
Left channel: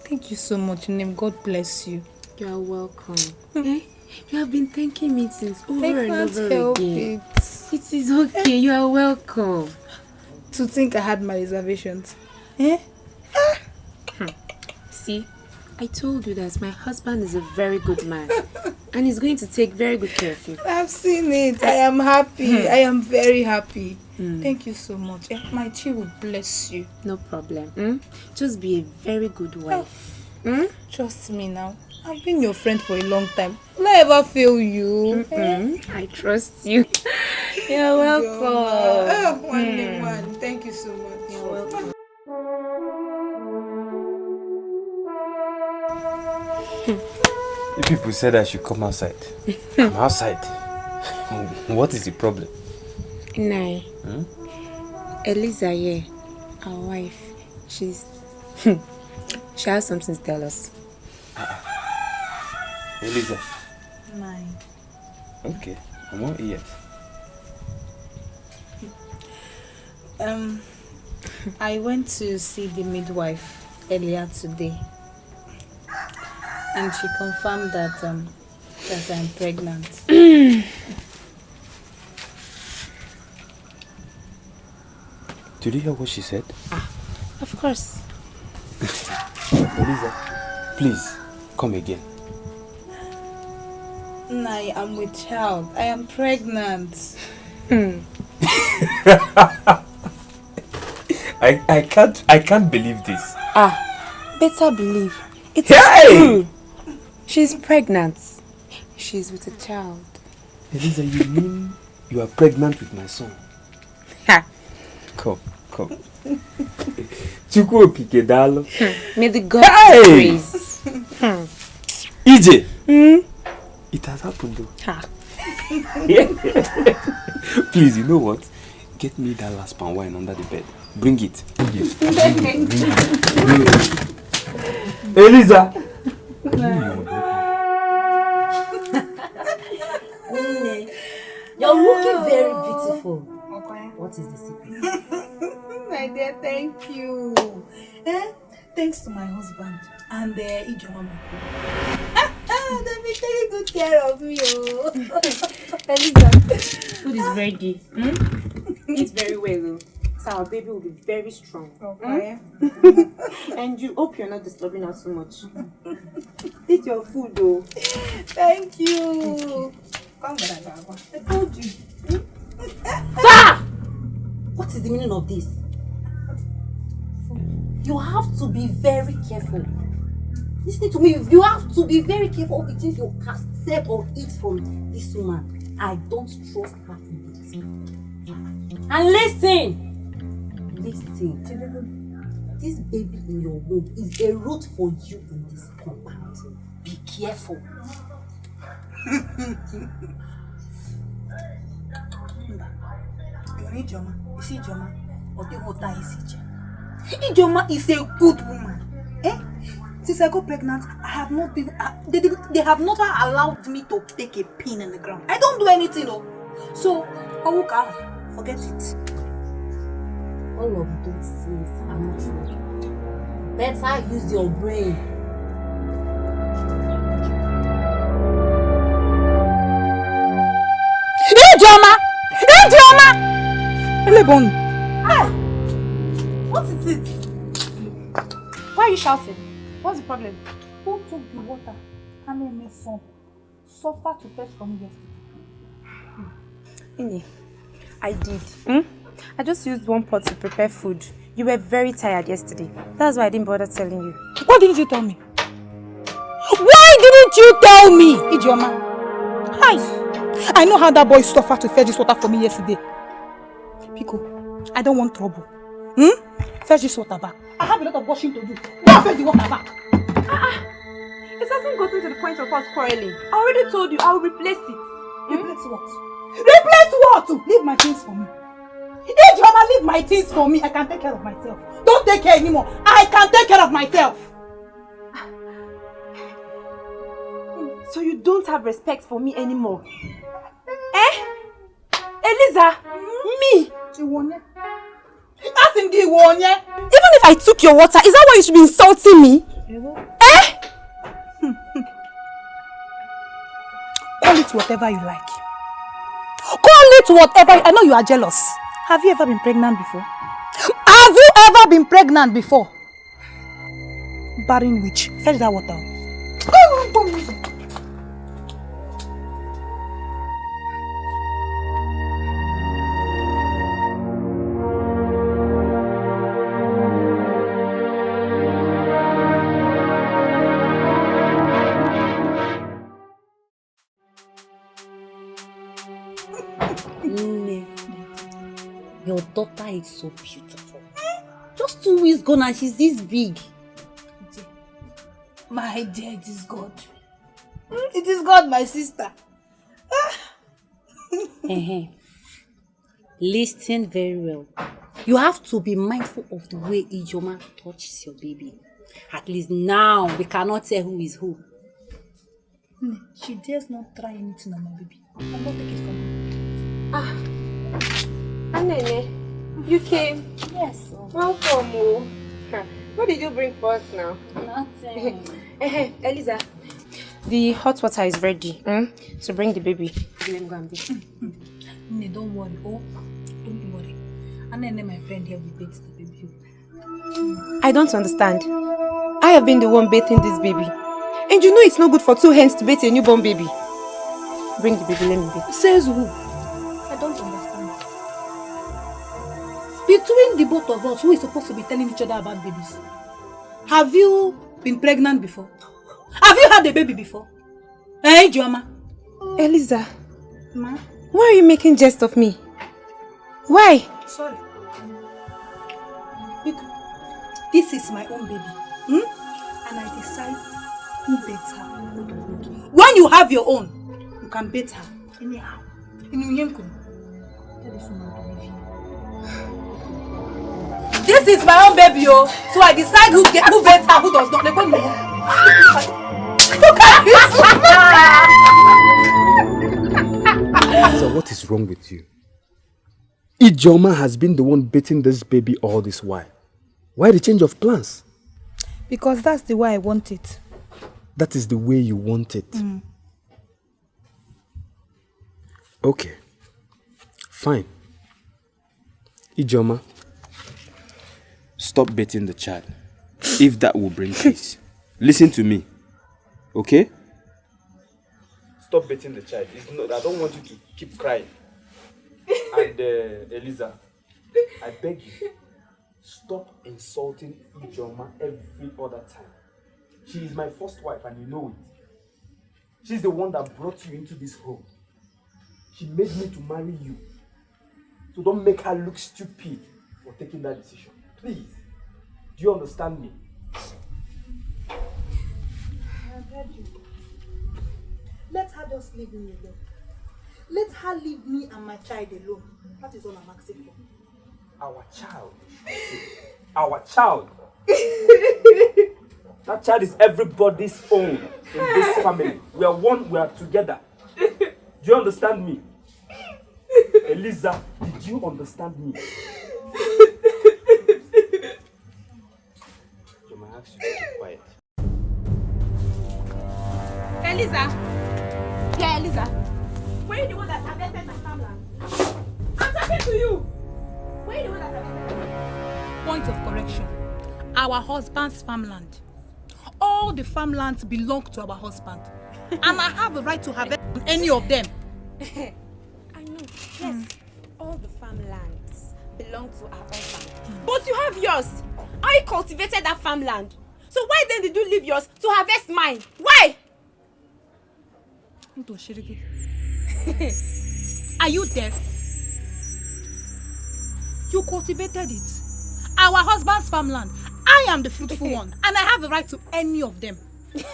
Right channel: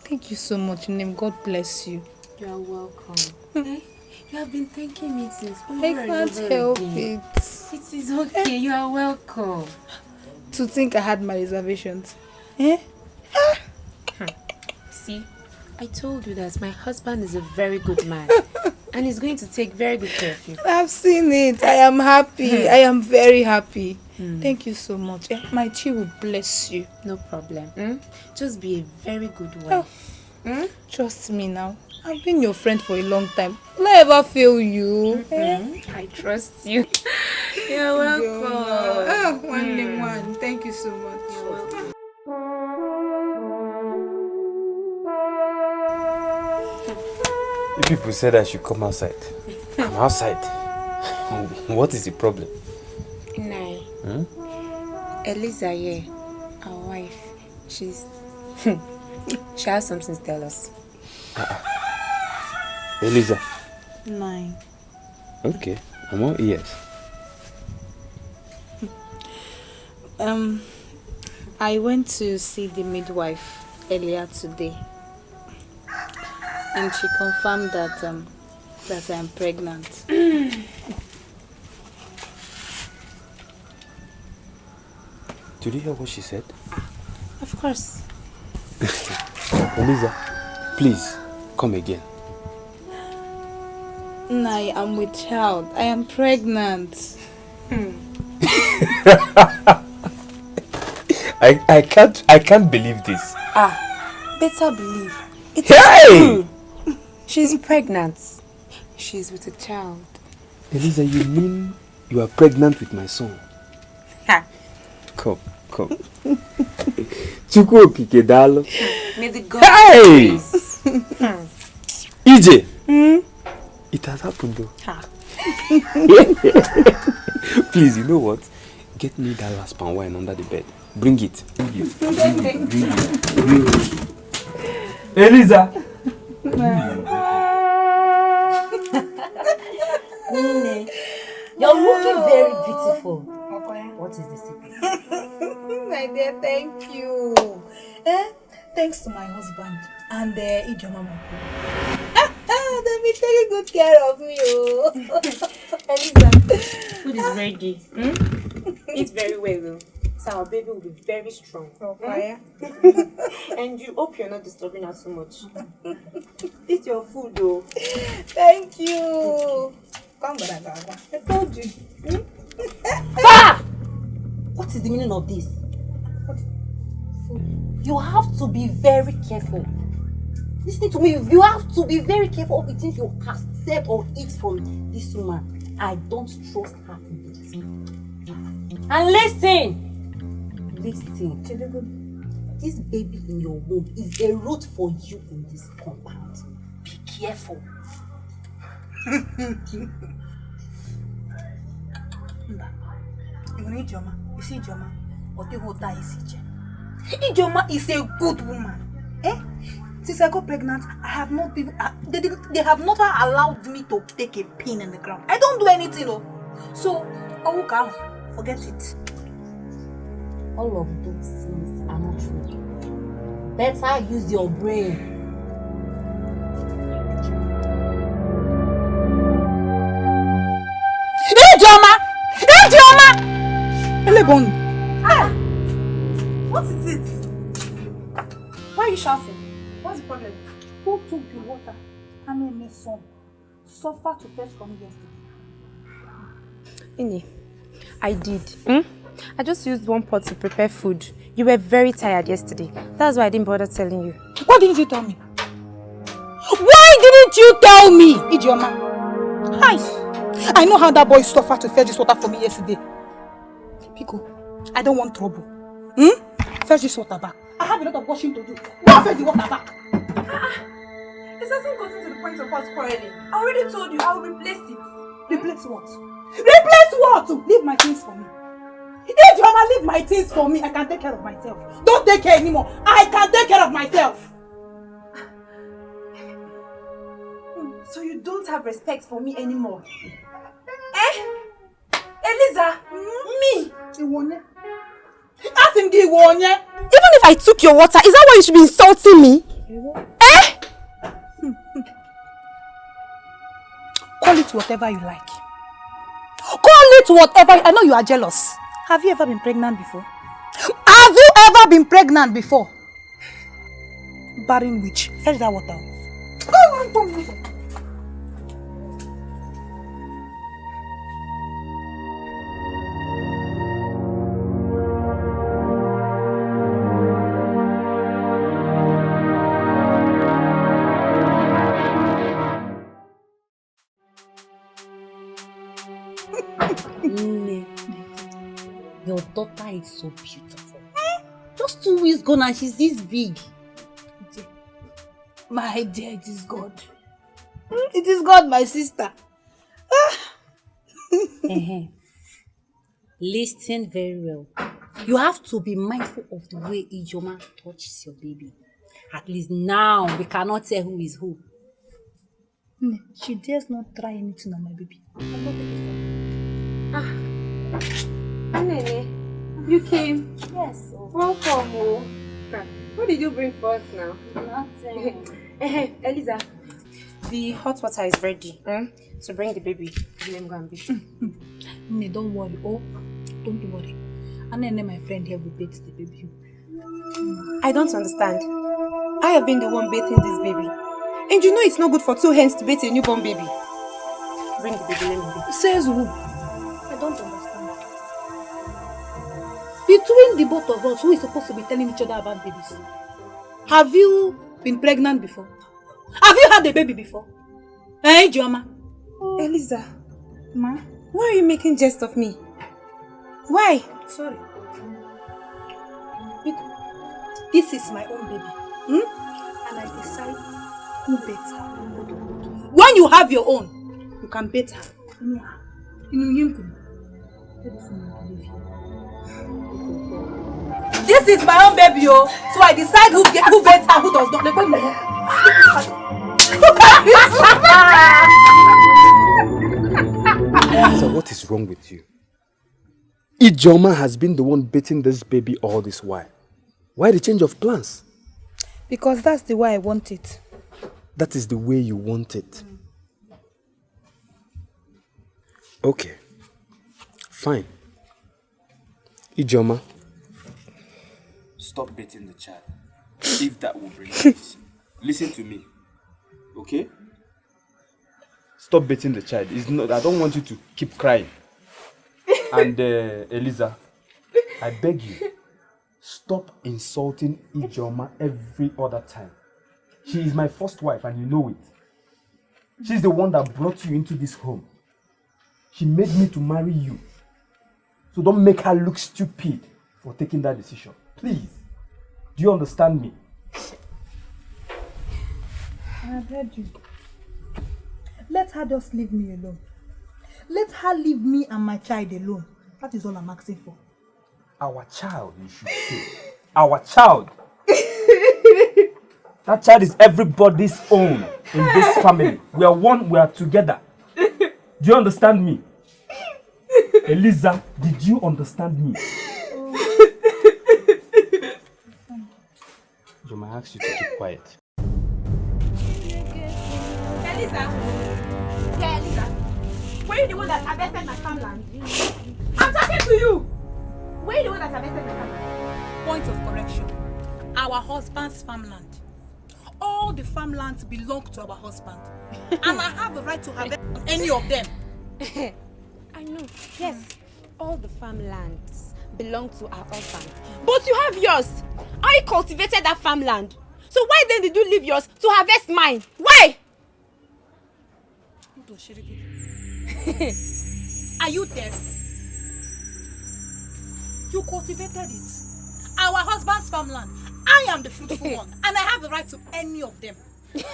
Thank you so much, Name. God bless you. You are welcome. You have been thanking me since over I and can't over help again. it. It is okay. You are welcome. To think I had my reservations. See, I told you that my husband is a very good man. And he's going to take very good care of you. I've seen it. I am happy. I am very happy. Thank you so much. My chi will bless you. No problem. Just be a very good wife. Trust me now. I've been your friend for a long time. Will I ever fail you? I trust you. You're welcome. One. Thank you so much. You're welcome. You people said I should come outside. I'm outside. What is the problem? Nai. Eliza here, our wife, she has something to tell us. Eliza. 9. Okay, I'm all ears. I went to see the midwife earlier today, and she confirmed that I'm pregnant. Did you hear what she said? Of course. Eliza, please come again. I am with child. I am pregnant. I can't believe this. Better believe. It is true. She's pregnant. She's with a child. Eliza, you mean you are pregnant with my son? Come. Chukwu okike dalo. May the God praise. EJ. It has happened though. Please, you know what? Get me that last palm wine under the bed. Bring it. Eliza. You're looking very beautiful. What is the secret? My dear, thank you. Thanks to my husband and Ijeoma. They've been taking good care of me. Eliza, food is ready. Eat very well though. So our baby will be very strong. Okay. And you hope you're not disturbing her too much. Eat your food though. Thank you. Come on, I told you. Stop! What is the meaning of this? You have to be very careful. Listen to me. You have to be very careful of the things you accept or eat from this woman. I don't trust her in it. And listen. This baby in your womb is a root for you in this compound. Be careful. Ijeoma is a good woman. Since I got pregnant, I have not been. They have never allowed me to take a pin in the ground. I don't do anything, So, Awuka, forget it. All of those things are not true. Better use your brain. Ijeoma! Elebon! What is it? Why are you shouting? What's the problem? Who took the water and made my son suffer to fetch from yesterday? Ini, I did. I just used one pot to prepare food. You were very tired yesterday. That's why I didn't bother telling you. Why didn't you tell me? Why didn't you tell me, Ijeoma? Hi! I know how that boy suffered to fetch this water for me yesterday. Pico, I don't want trouble. Fetch this water back. I have a lot of washing to do. Go fetch the water back. It hasn't gotten to the point of us quarreling. I already told you I'll replace it. Replace what? Replace what? Leave my things for me. Ijeoma, leave my things for me. I can take care of myself. Don't take care anymore. I can take care of myself. So you don't have respect for me anymore? Eh? Eliza? Me? Even if I took your water, is that why you should be insulting me? Eh? Call it whatever you like. Call it whatever. I know you are jealous. Have you ever been pregnant before? Have you ever been pregnant before? Barren witch. Fetch that water. Your daughter is so beautiful. Just 2 weeks gone and she's this big. My dear, it is God. It is God, my sister. Listen very well. You have to be mindful of the way Ijoma touches your baby. At least now we cannot tell who is who. She dares not try anything on my baby. I'm not taking from her. Anene, you came? Yes. Welcome. What did you bring for us now? Nothing. Eliza, the hot water is ready. So bring the baby. Let me go and beat. Don't worry. Oh, don't worry. Anene, my friend here, will bathe the baby. I don't understand. I have been the one bathing this baby. And you know it's not good for 2 hands to bathe a newborn baby. Bring the baby, let me bathe. Says who? I don't understand. Between the both of us, who is supposed to be telling each other about babies? Have you been pregnant before? Have you had a baby before? Eh, Joma? Eliza, Ma? why are you making jest of me? Why? Sorry. Because this is my own baby. And I decide who baits her, who does not. When you have your own, you can bait her. Anyhow. This is my own baby, oh. So I decide who baits her, who does not. Look at So what is wrong with you? Ijoma has been the one beating this baby all this while. Why the change of plans? Because that's the way I want it. That is the way you want it. Okay. Fine. Ijoma, stop beating the child. If that will bring peace. Listen to me. Okay? Stop beating the child. It's not, I don't want you to keep crying. And Eliza, I beg you, stop insulting Ijoma every other time. She is my first wife and you know it. She's the one that brought you into this home. She made me to marry you. So don't make her look stupid for taking that decision. Please. Do you understand me? I have heard you. Let her just leave me alone. Let her leave me and my child alone. That is all I'm asking for. Our child, you should say. Our child. That child is everybody's own in this family. We are one, we are together. Do you understand me? Eliza, did you understand me? I might ask you to keep quiet. Eliza! Yeah, Eliza. Were you the one that harvested my farmland? I'm talking to you! Were you the one that harvested my farmland? Point of correction. Our husband's farmland. All the farmlands belong to our husband. And I have a right to harvest on any of them. I know. Yes, all the farmlands belong to our husband. But you have yours. I cultivated that farmland. So why then did you leave yours to harvest mine? Why? Are you deaf? You cultivated it. Our husband's farmland. I am the fruitful one. And I have the right to any of them. You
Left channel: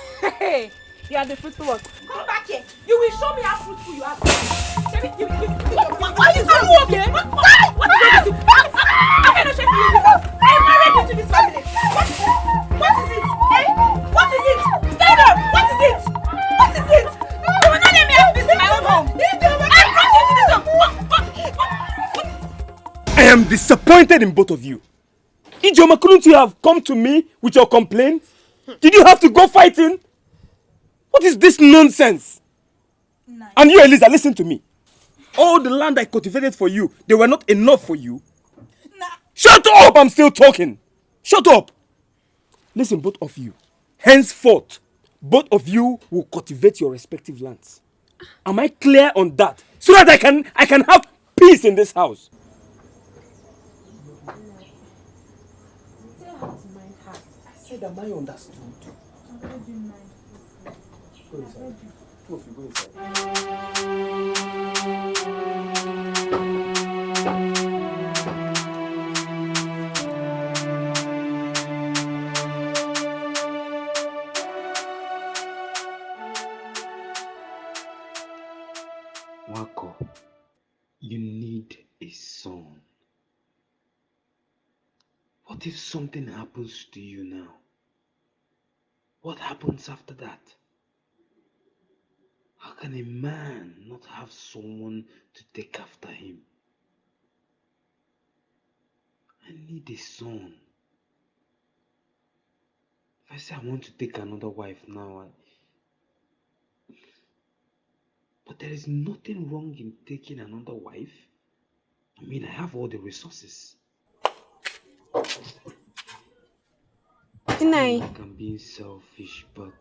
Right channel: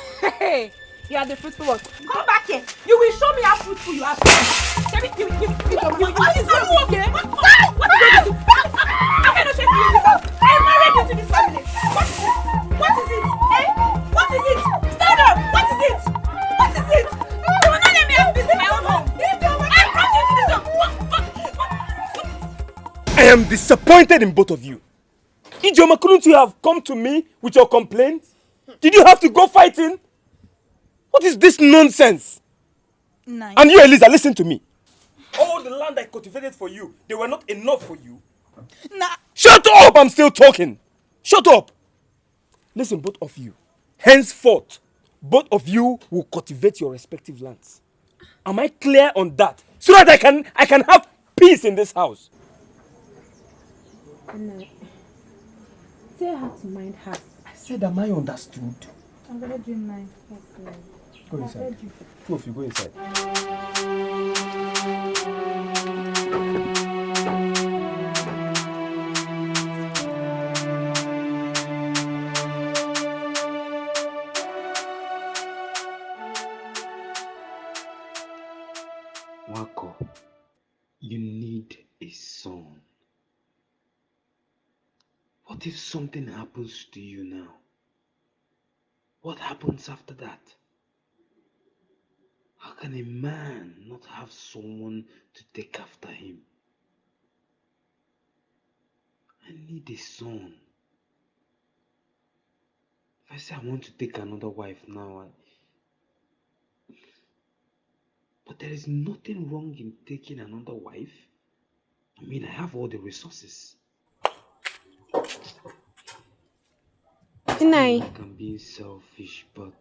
are the fruitful one. Come back here. You will show me how fruitful you are. What is wrong with you? What is wrong with you? I cannot shake you in this house. I am married into this family. What is it? Eh? What is it? Stand up! What is it? What is it? am disappointed in both of you. Ijoma, couldn't you have come to me with your complaint? Did you have to go fighting? What is this nonsense? Nice. And you, Eliza, listen to me. All the land I cultivated for you, they were not enough for you. Nah. Shut up! I'm still talking. Shut up. Listen, both of you. Henceforth, both of you will cultivate your respective lands. Am I clear on that? So that I can have peace in this house. No. Say how to mind her. I said, am I understood? I've read you mind. Go inside. Two of you, go inside. Wako, you need a son. What if something happens to you now? What happens after that? How can a man not have someone to take after him? I need a son. If I say I want to take another wife now, but there is nothing wrong in taking another wife. I mean, I have all the resources. Ini. Like I'm being selfish, but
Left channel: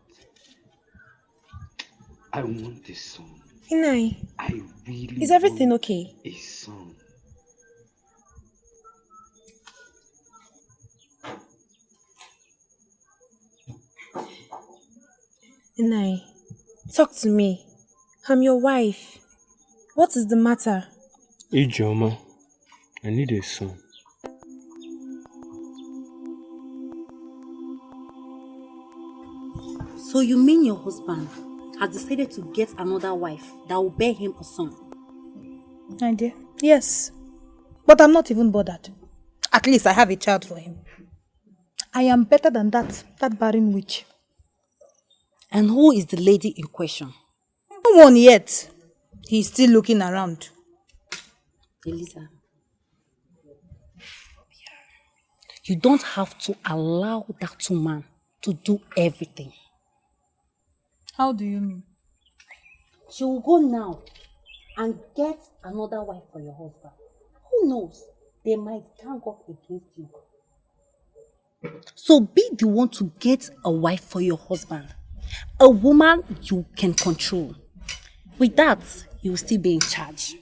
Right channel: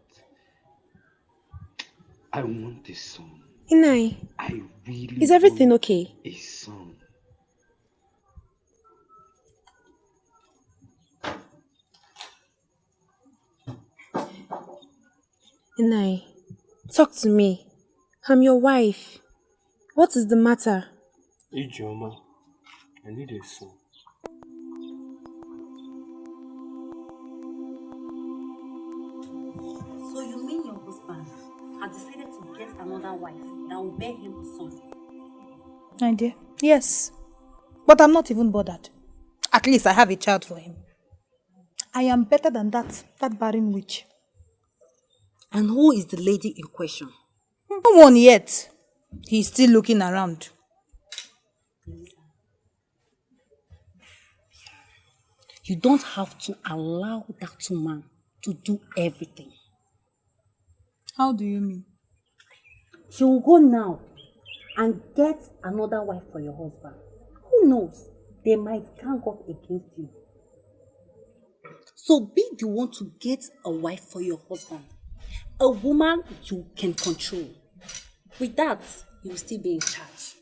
I want a son. Ini. I really Is everything want okay? a son. Ini, talk to me. I'm your wife. What is the matter? Ijoma, I need a son. So you mean your husband has decided to get another wife that will bear him a son? My dear, yes. But I'm not even bothered. At least I have a child for him. I am better than that barren witch. And who is the lady in question? No one yet. He's still looking around. Eliza, you don't have to allow that woman to do everything. How do you mean? She will go now and get another wife for your husband. Who knows? They might gang up against you. So be the one to get a wife for your husband. A woman you can control. With that, you will still be in charge.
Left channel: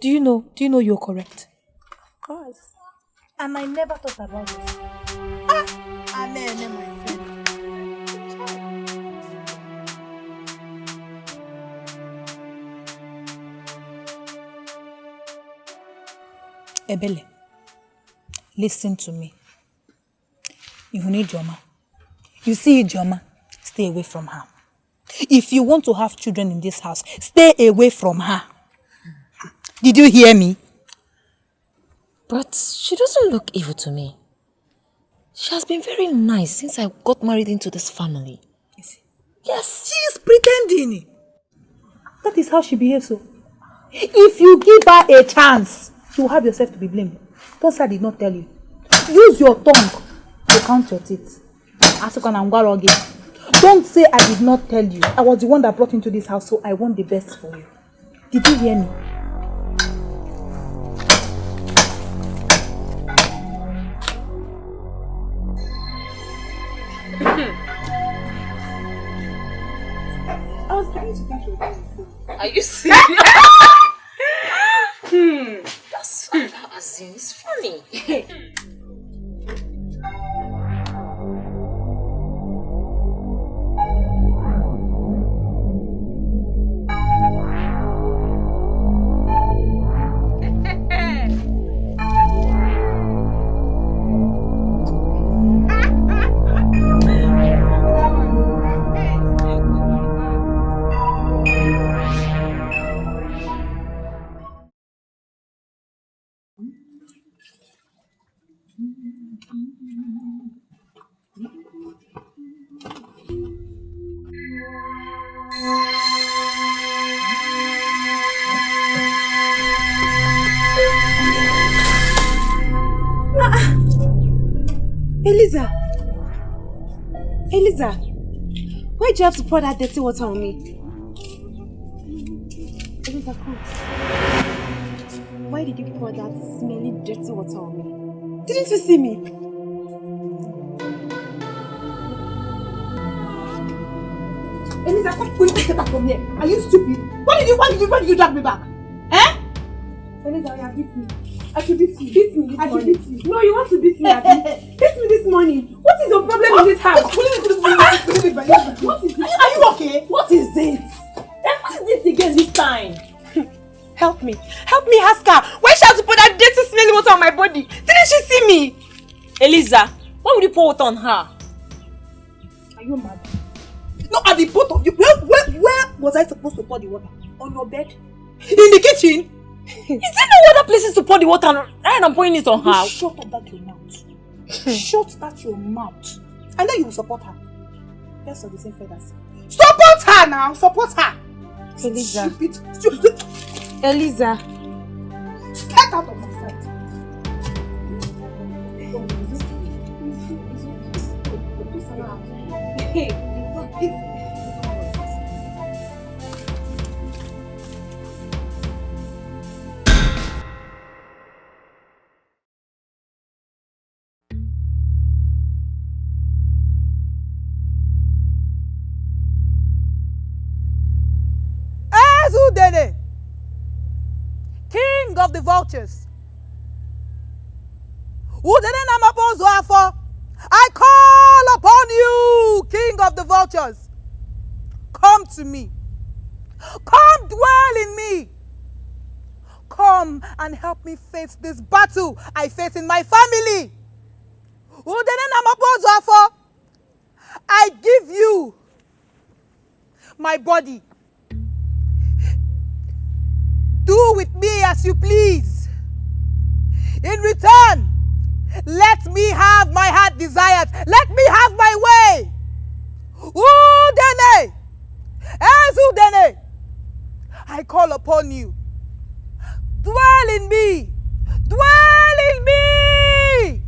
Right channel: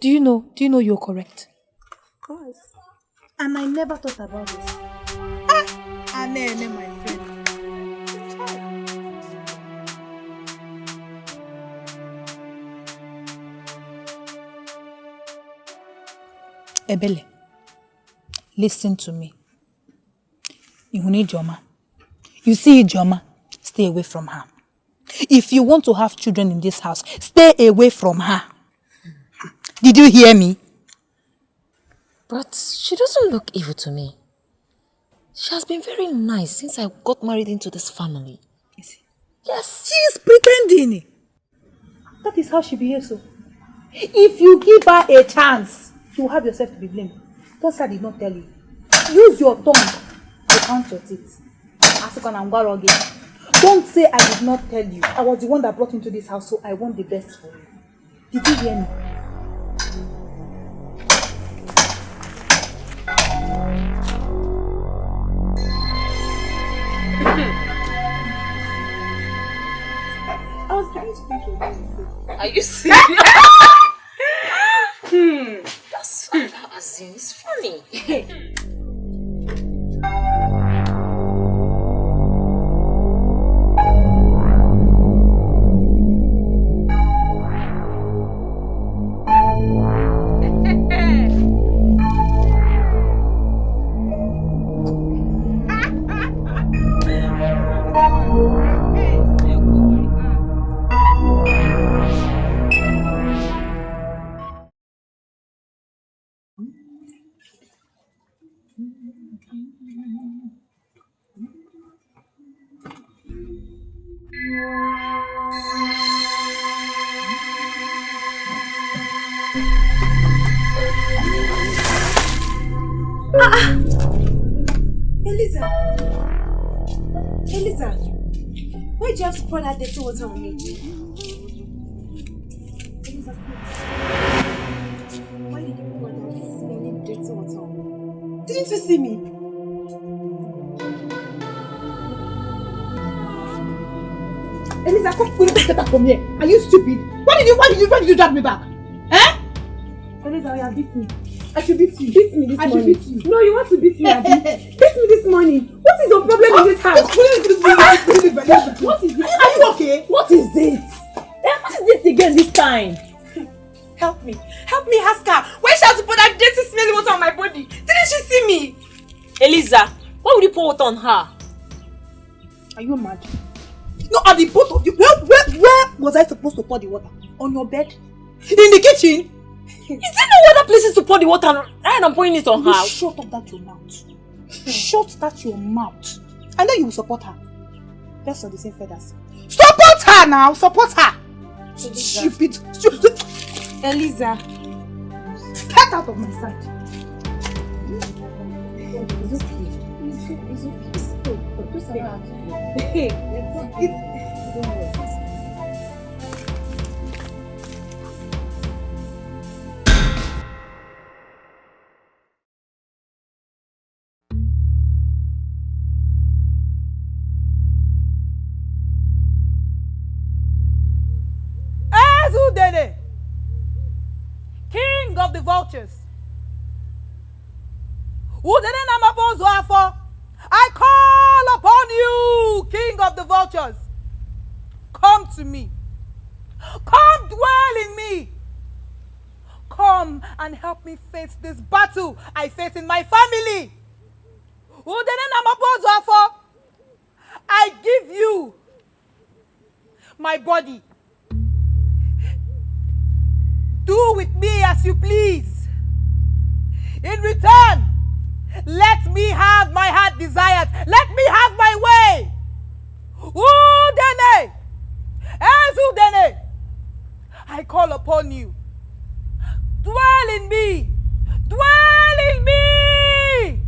Do you know you're correct? Of course. And I never thought about this. Anene, my friend. Ebele, listen to me. You need Ijoma. You see Ijoma, stay away from her. If you want to have children in this house, stay away from her. Did you hear me? But she doesn't look evil to me. She has been very nice since I got married into this family. Is it? Yes. She is pretending. That is how she behaves. So, if you give her a chance, you will have yourself to be blamed. Don't say I did not tell you. Use your tongue to count your teeth. Don't say I did not tell you. I was the one that brought you into this house, so I want the best for you. Did you hear me? I was beginning to think you were doing the same. Are you serious? That's as in, it's funny. Eliza! Eliza! Why do you have to pour that dirty water on me? Eliza, come. Why did you pour that smelly dirty water on me? Didn't you see me? Eliza, come get back from here. Are you stupid? Why did you drag me back? Eh? Eliza, you beat me. I should beat you. Beat me this morning. I should beat you. No, you want to beat me, Abby. Beat me this morning. What is your problem in this house? What is it? Are you okay? What is it? What is this again this time? Help me. Help me ask her. Why she has to put that dirty smelly water on my body? Didn't she see me? Eliza, why would you pour water on her? Are you mad? No, at the both of you. Where was I supposed to pour the water? On your bed? In the kitchen? Is there no other places to pour the water and I'm pouring it on her? Shut up that your mouth. Shut that your mouth. I know you will support her. Let's on the same feathers. Support her now! Support her! Eliza. Stupid. Eliza. Get out of my sight. Hey. King of the vultures. I call upon you, King of the vultures. Come to me. Come dwell in me. Come and help me face this battle I face in my family. I give you my body. Do with me as you please. In return, let me have my heart desires. Let me have my way. Udene! Ezudene! I call upon you. Dwell in me. Dwell in me.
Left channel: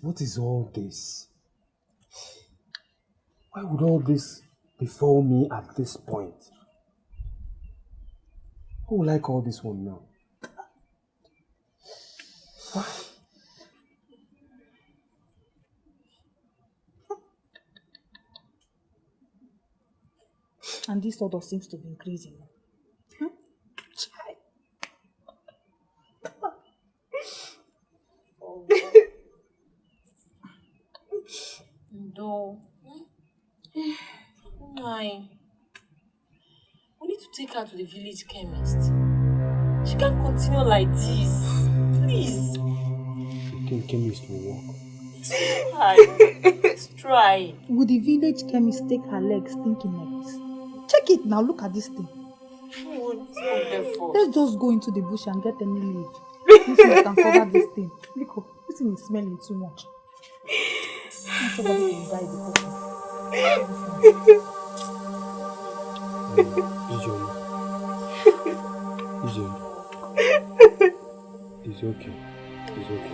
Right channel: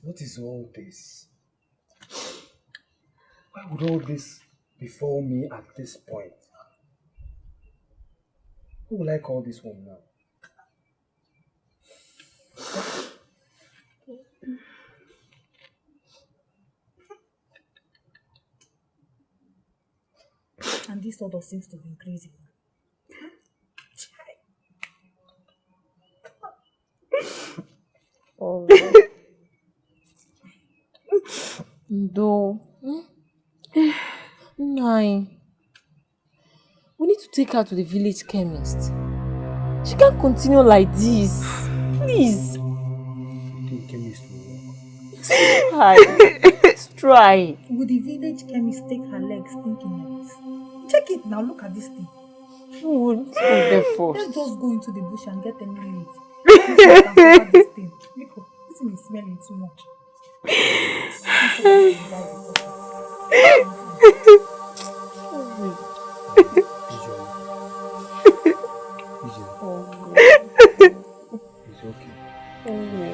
What is all this? Why would all this befall me at this point? Who will I call this one now? And this order seems to be increasing. Oh. No. Nine. We need to take her to the village chemist. She can't continue like this. Please. You think chemist will work? Let's try. Would the village chemist take her legs thinking like this? Check it now, look at this thing. Let's go there first. Let's just go into the bush and get any leaf. This one can cover this thing. Look, this thing is smelling too much. Somebody can die because of this. It's okay. It's okay.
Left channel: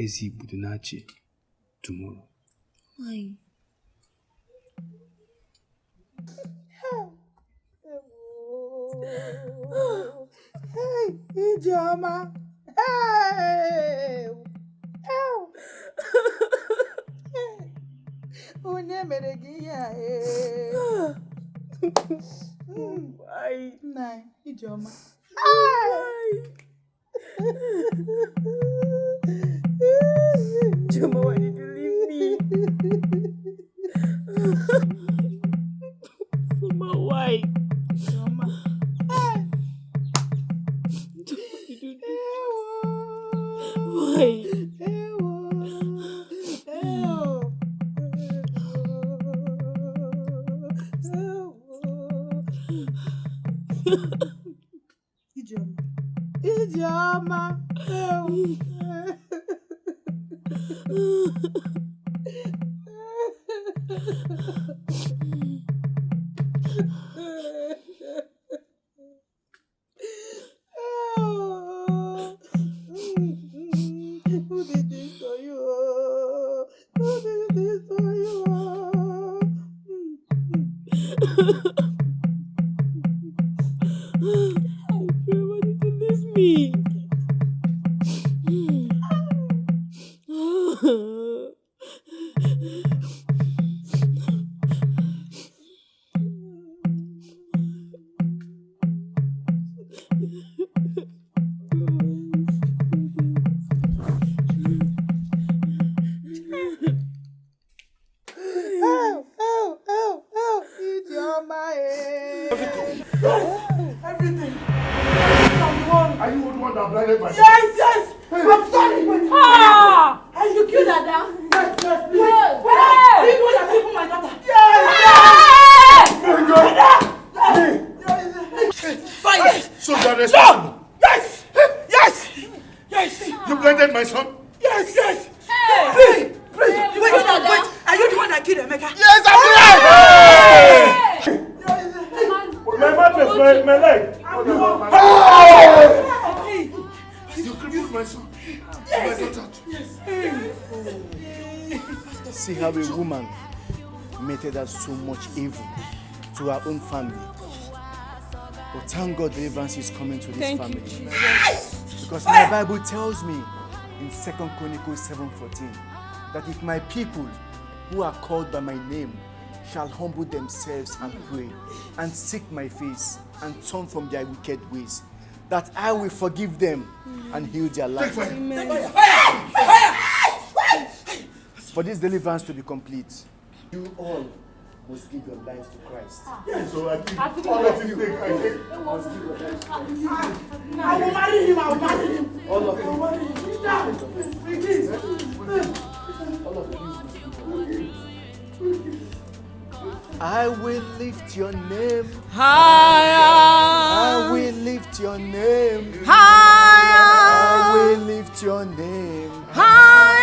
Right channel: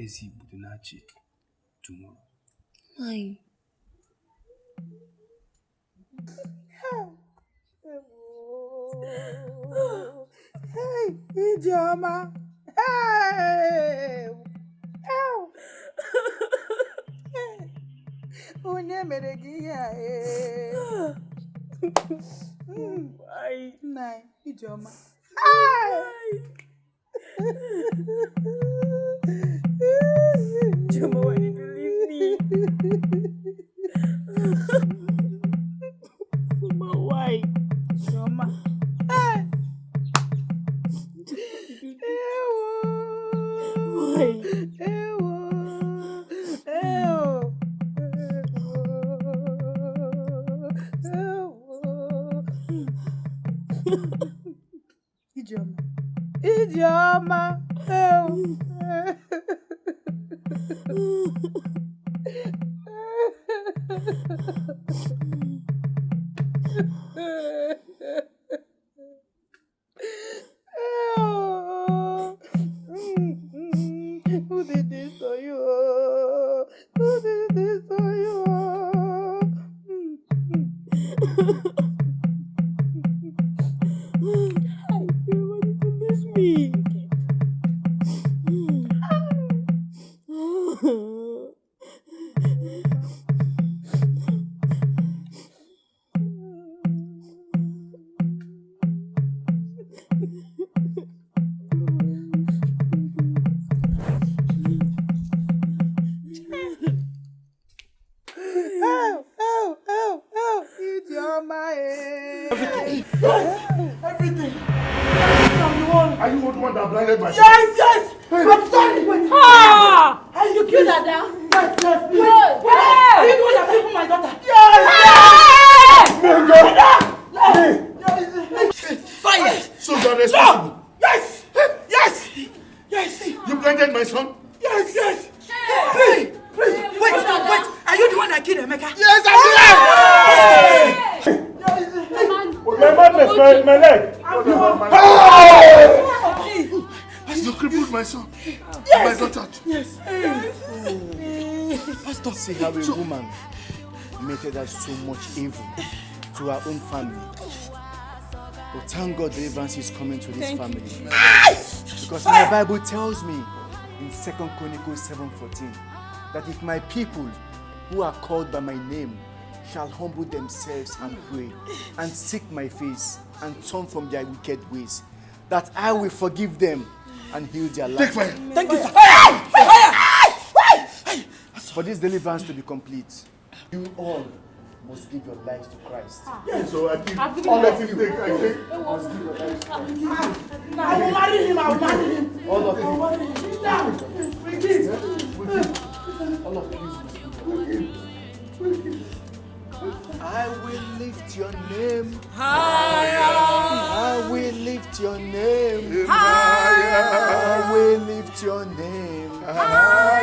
Ezi Budunachi tomorrow. Why? Hey, Ijoma. Hey. Onye mere gị ya Why? Nai, Ijoma. Ijoma, why did you leave me? Mama, why? Ijoma. Why? Ijoma. Who did this to you? Who did this to you? Why did you leave me? Everything. Are you the one that blinded my Yes! I'm sorry! And you killed Dada? Yes, please. Are you the one that killed my daughter? Yes! Fire! So you are responsible? Yes! You blinded my son? Yes! Please! Wait! Are you the one that killed Emeka? Yes, I'm the My madness, my leg. You crippled my son. My daughter. Yes. See how a woman meted us so much evil to our own family. But thank God deliverance is coming to this family. Because my Bible tells me in 2 Chronicles 7:14 that if my people who are called by my name shall humble themselves and pray and seek my face and turn from their wicked ways, that I will forgive them and heal their life. Thank you. Fire! For this deliverance to be complete, you all must give your lives to Christ. Yes, so I think all of you take. I will marry him. All of you. All of you. I will lift your name higher. I will lift your name higher. I will lift your name higher.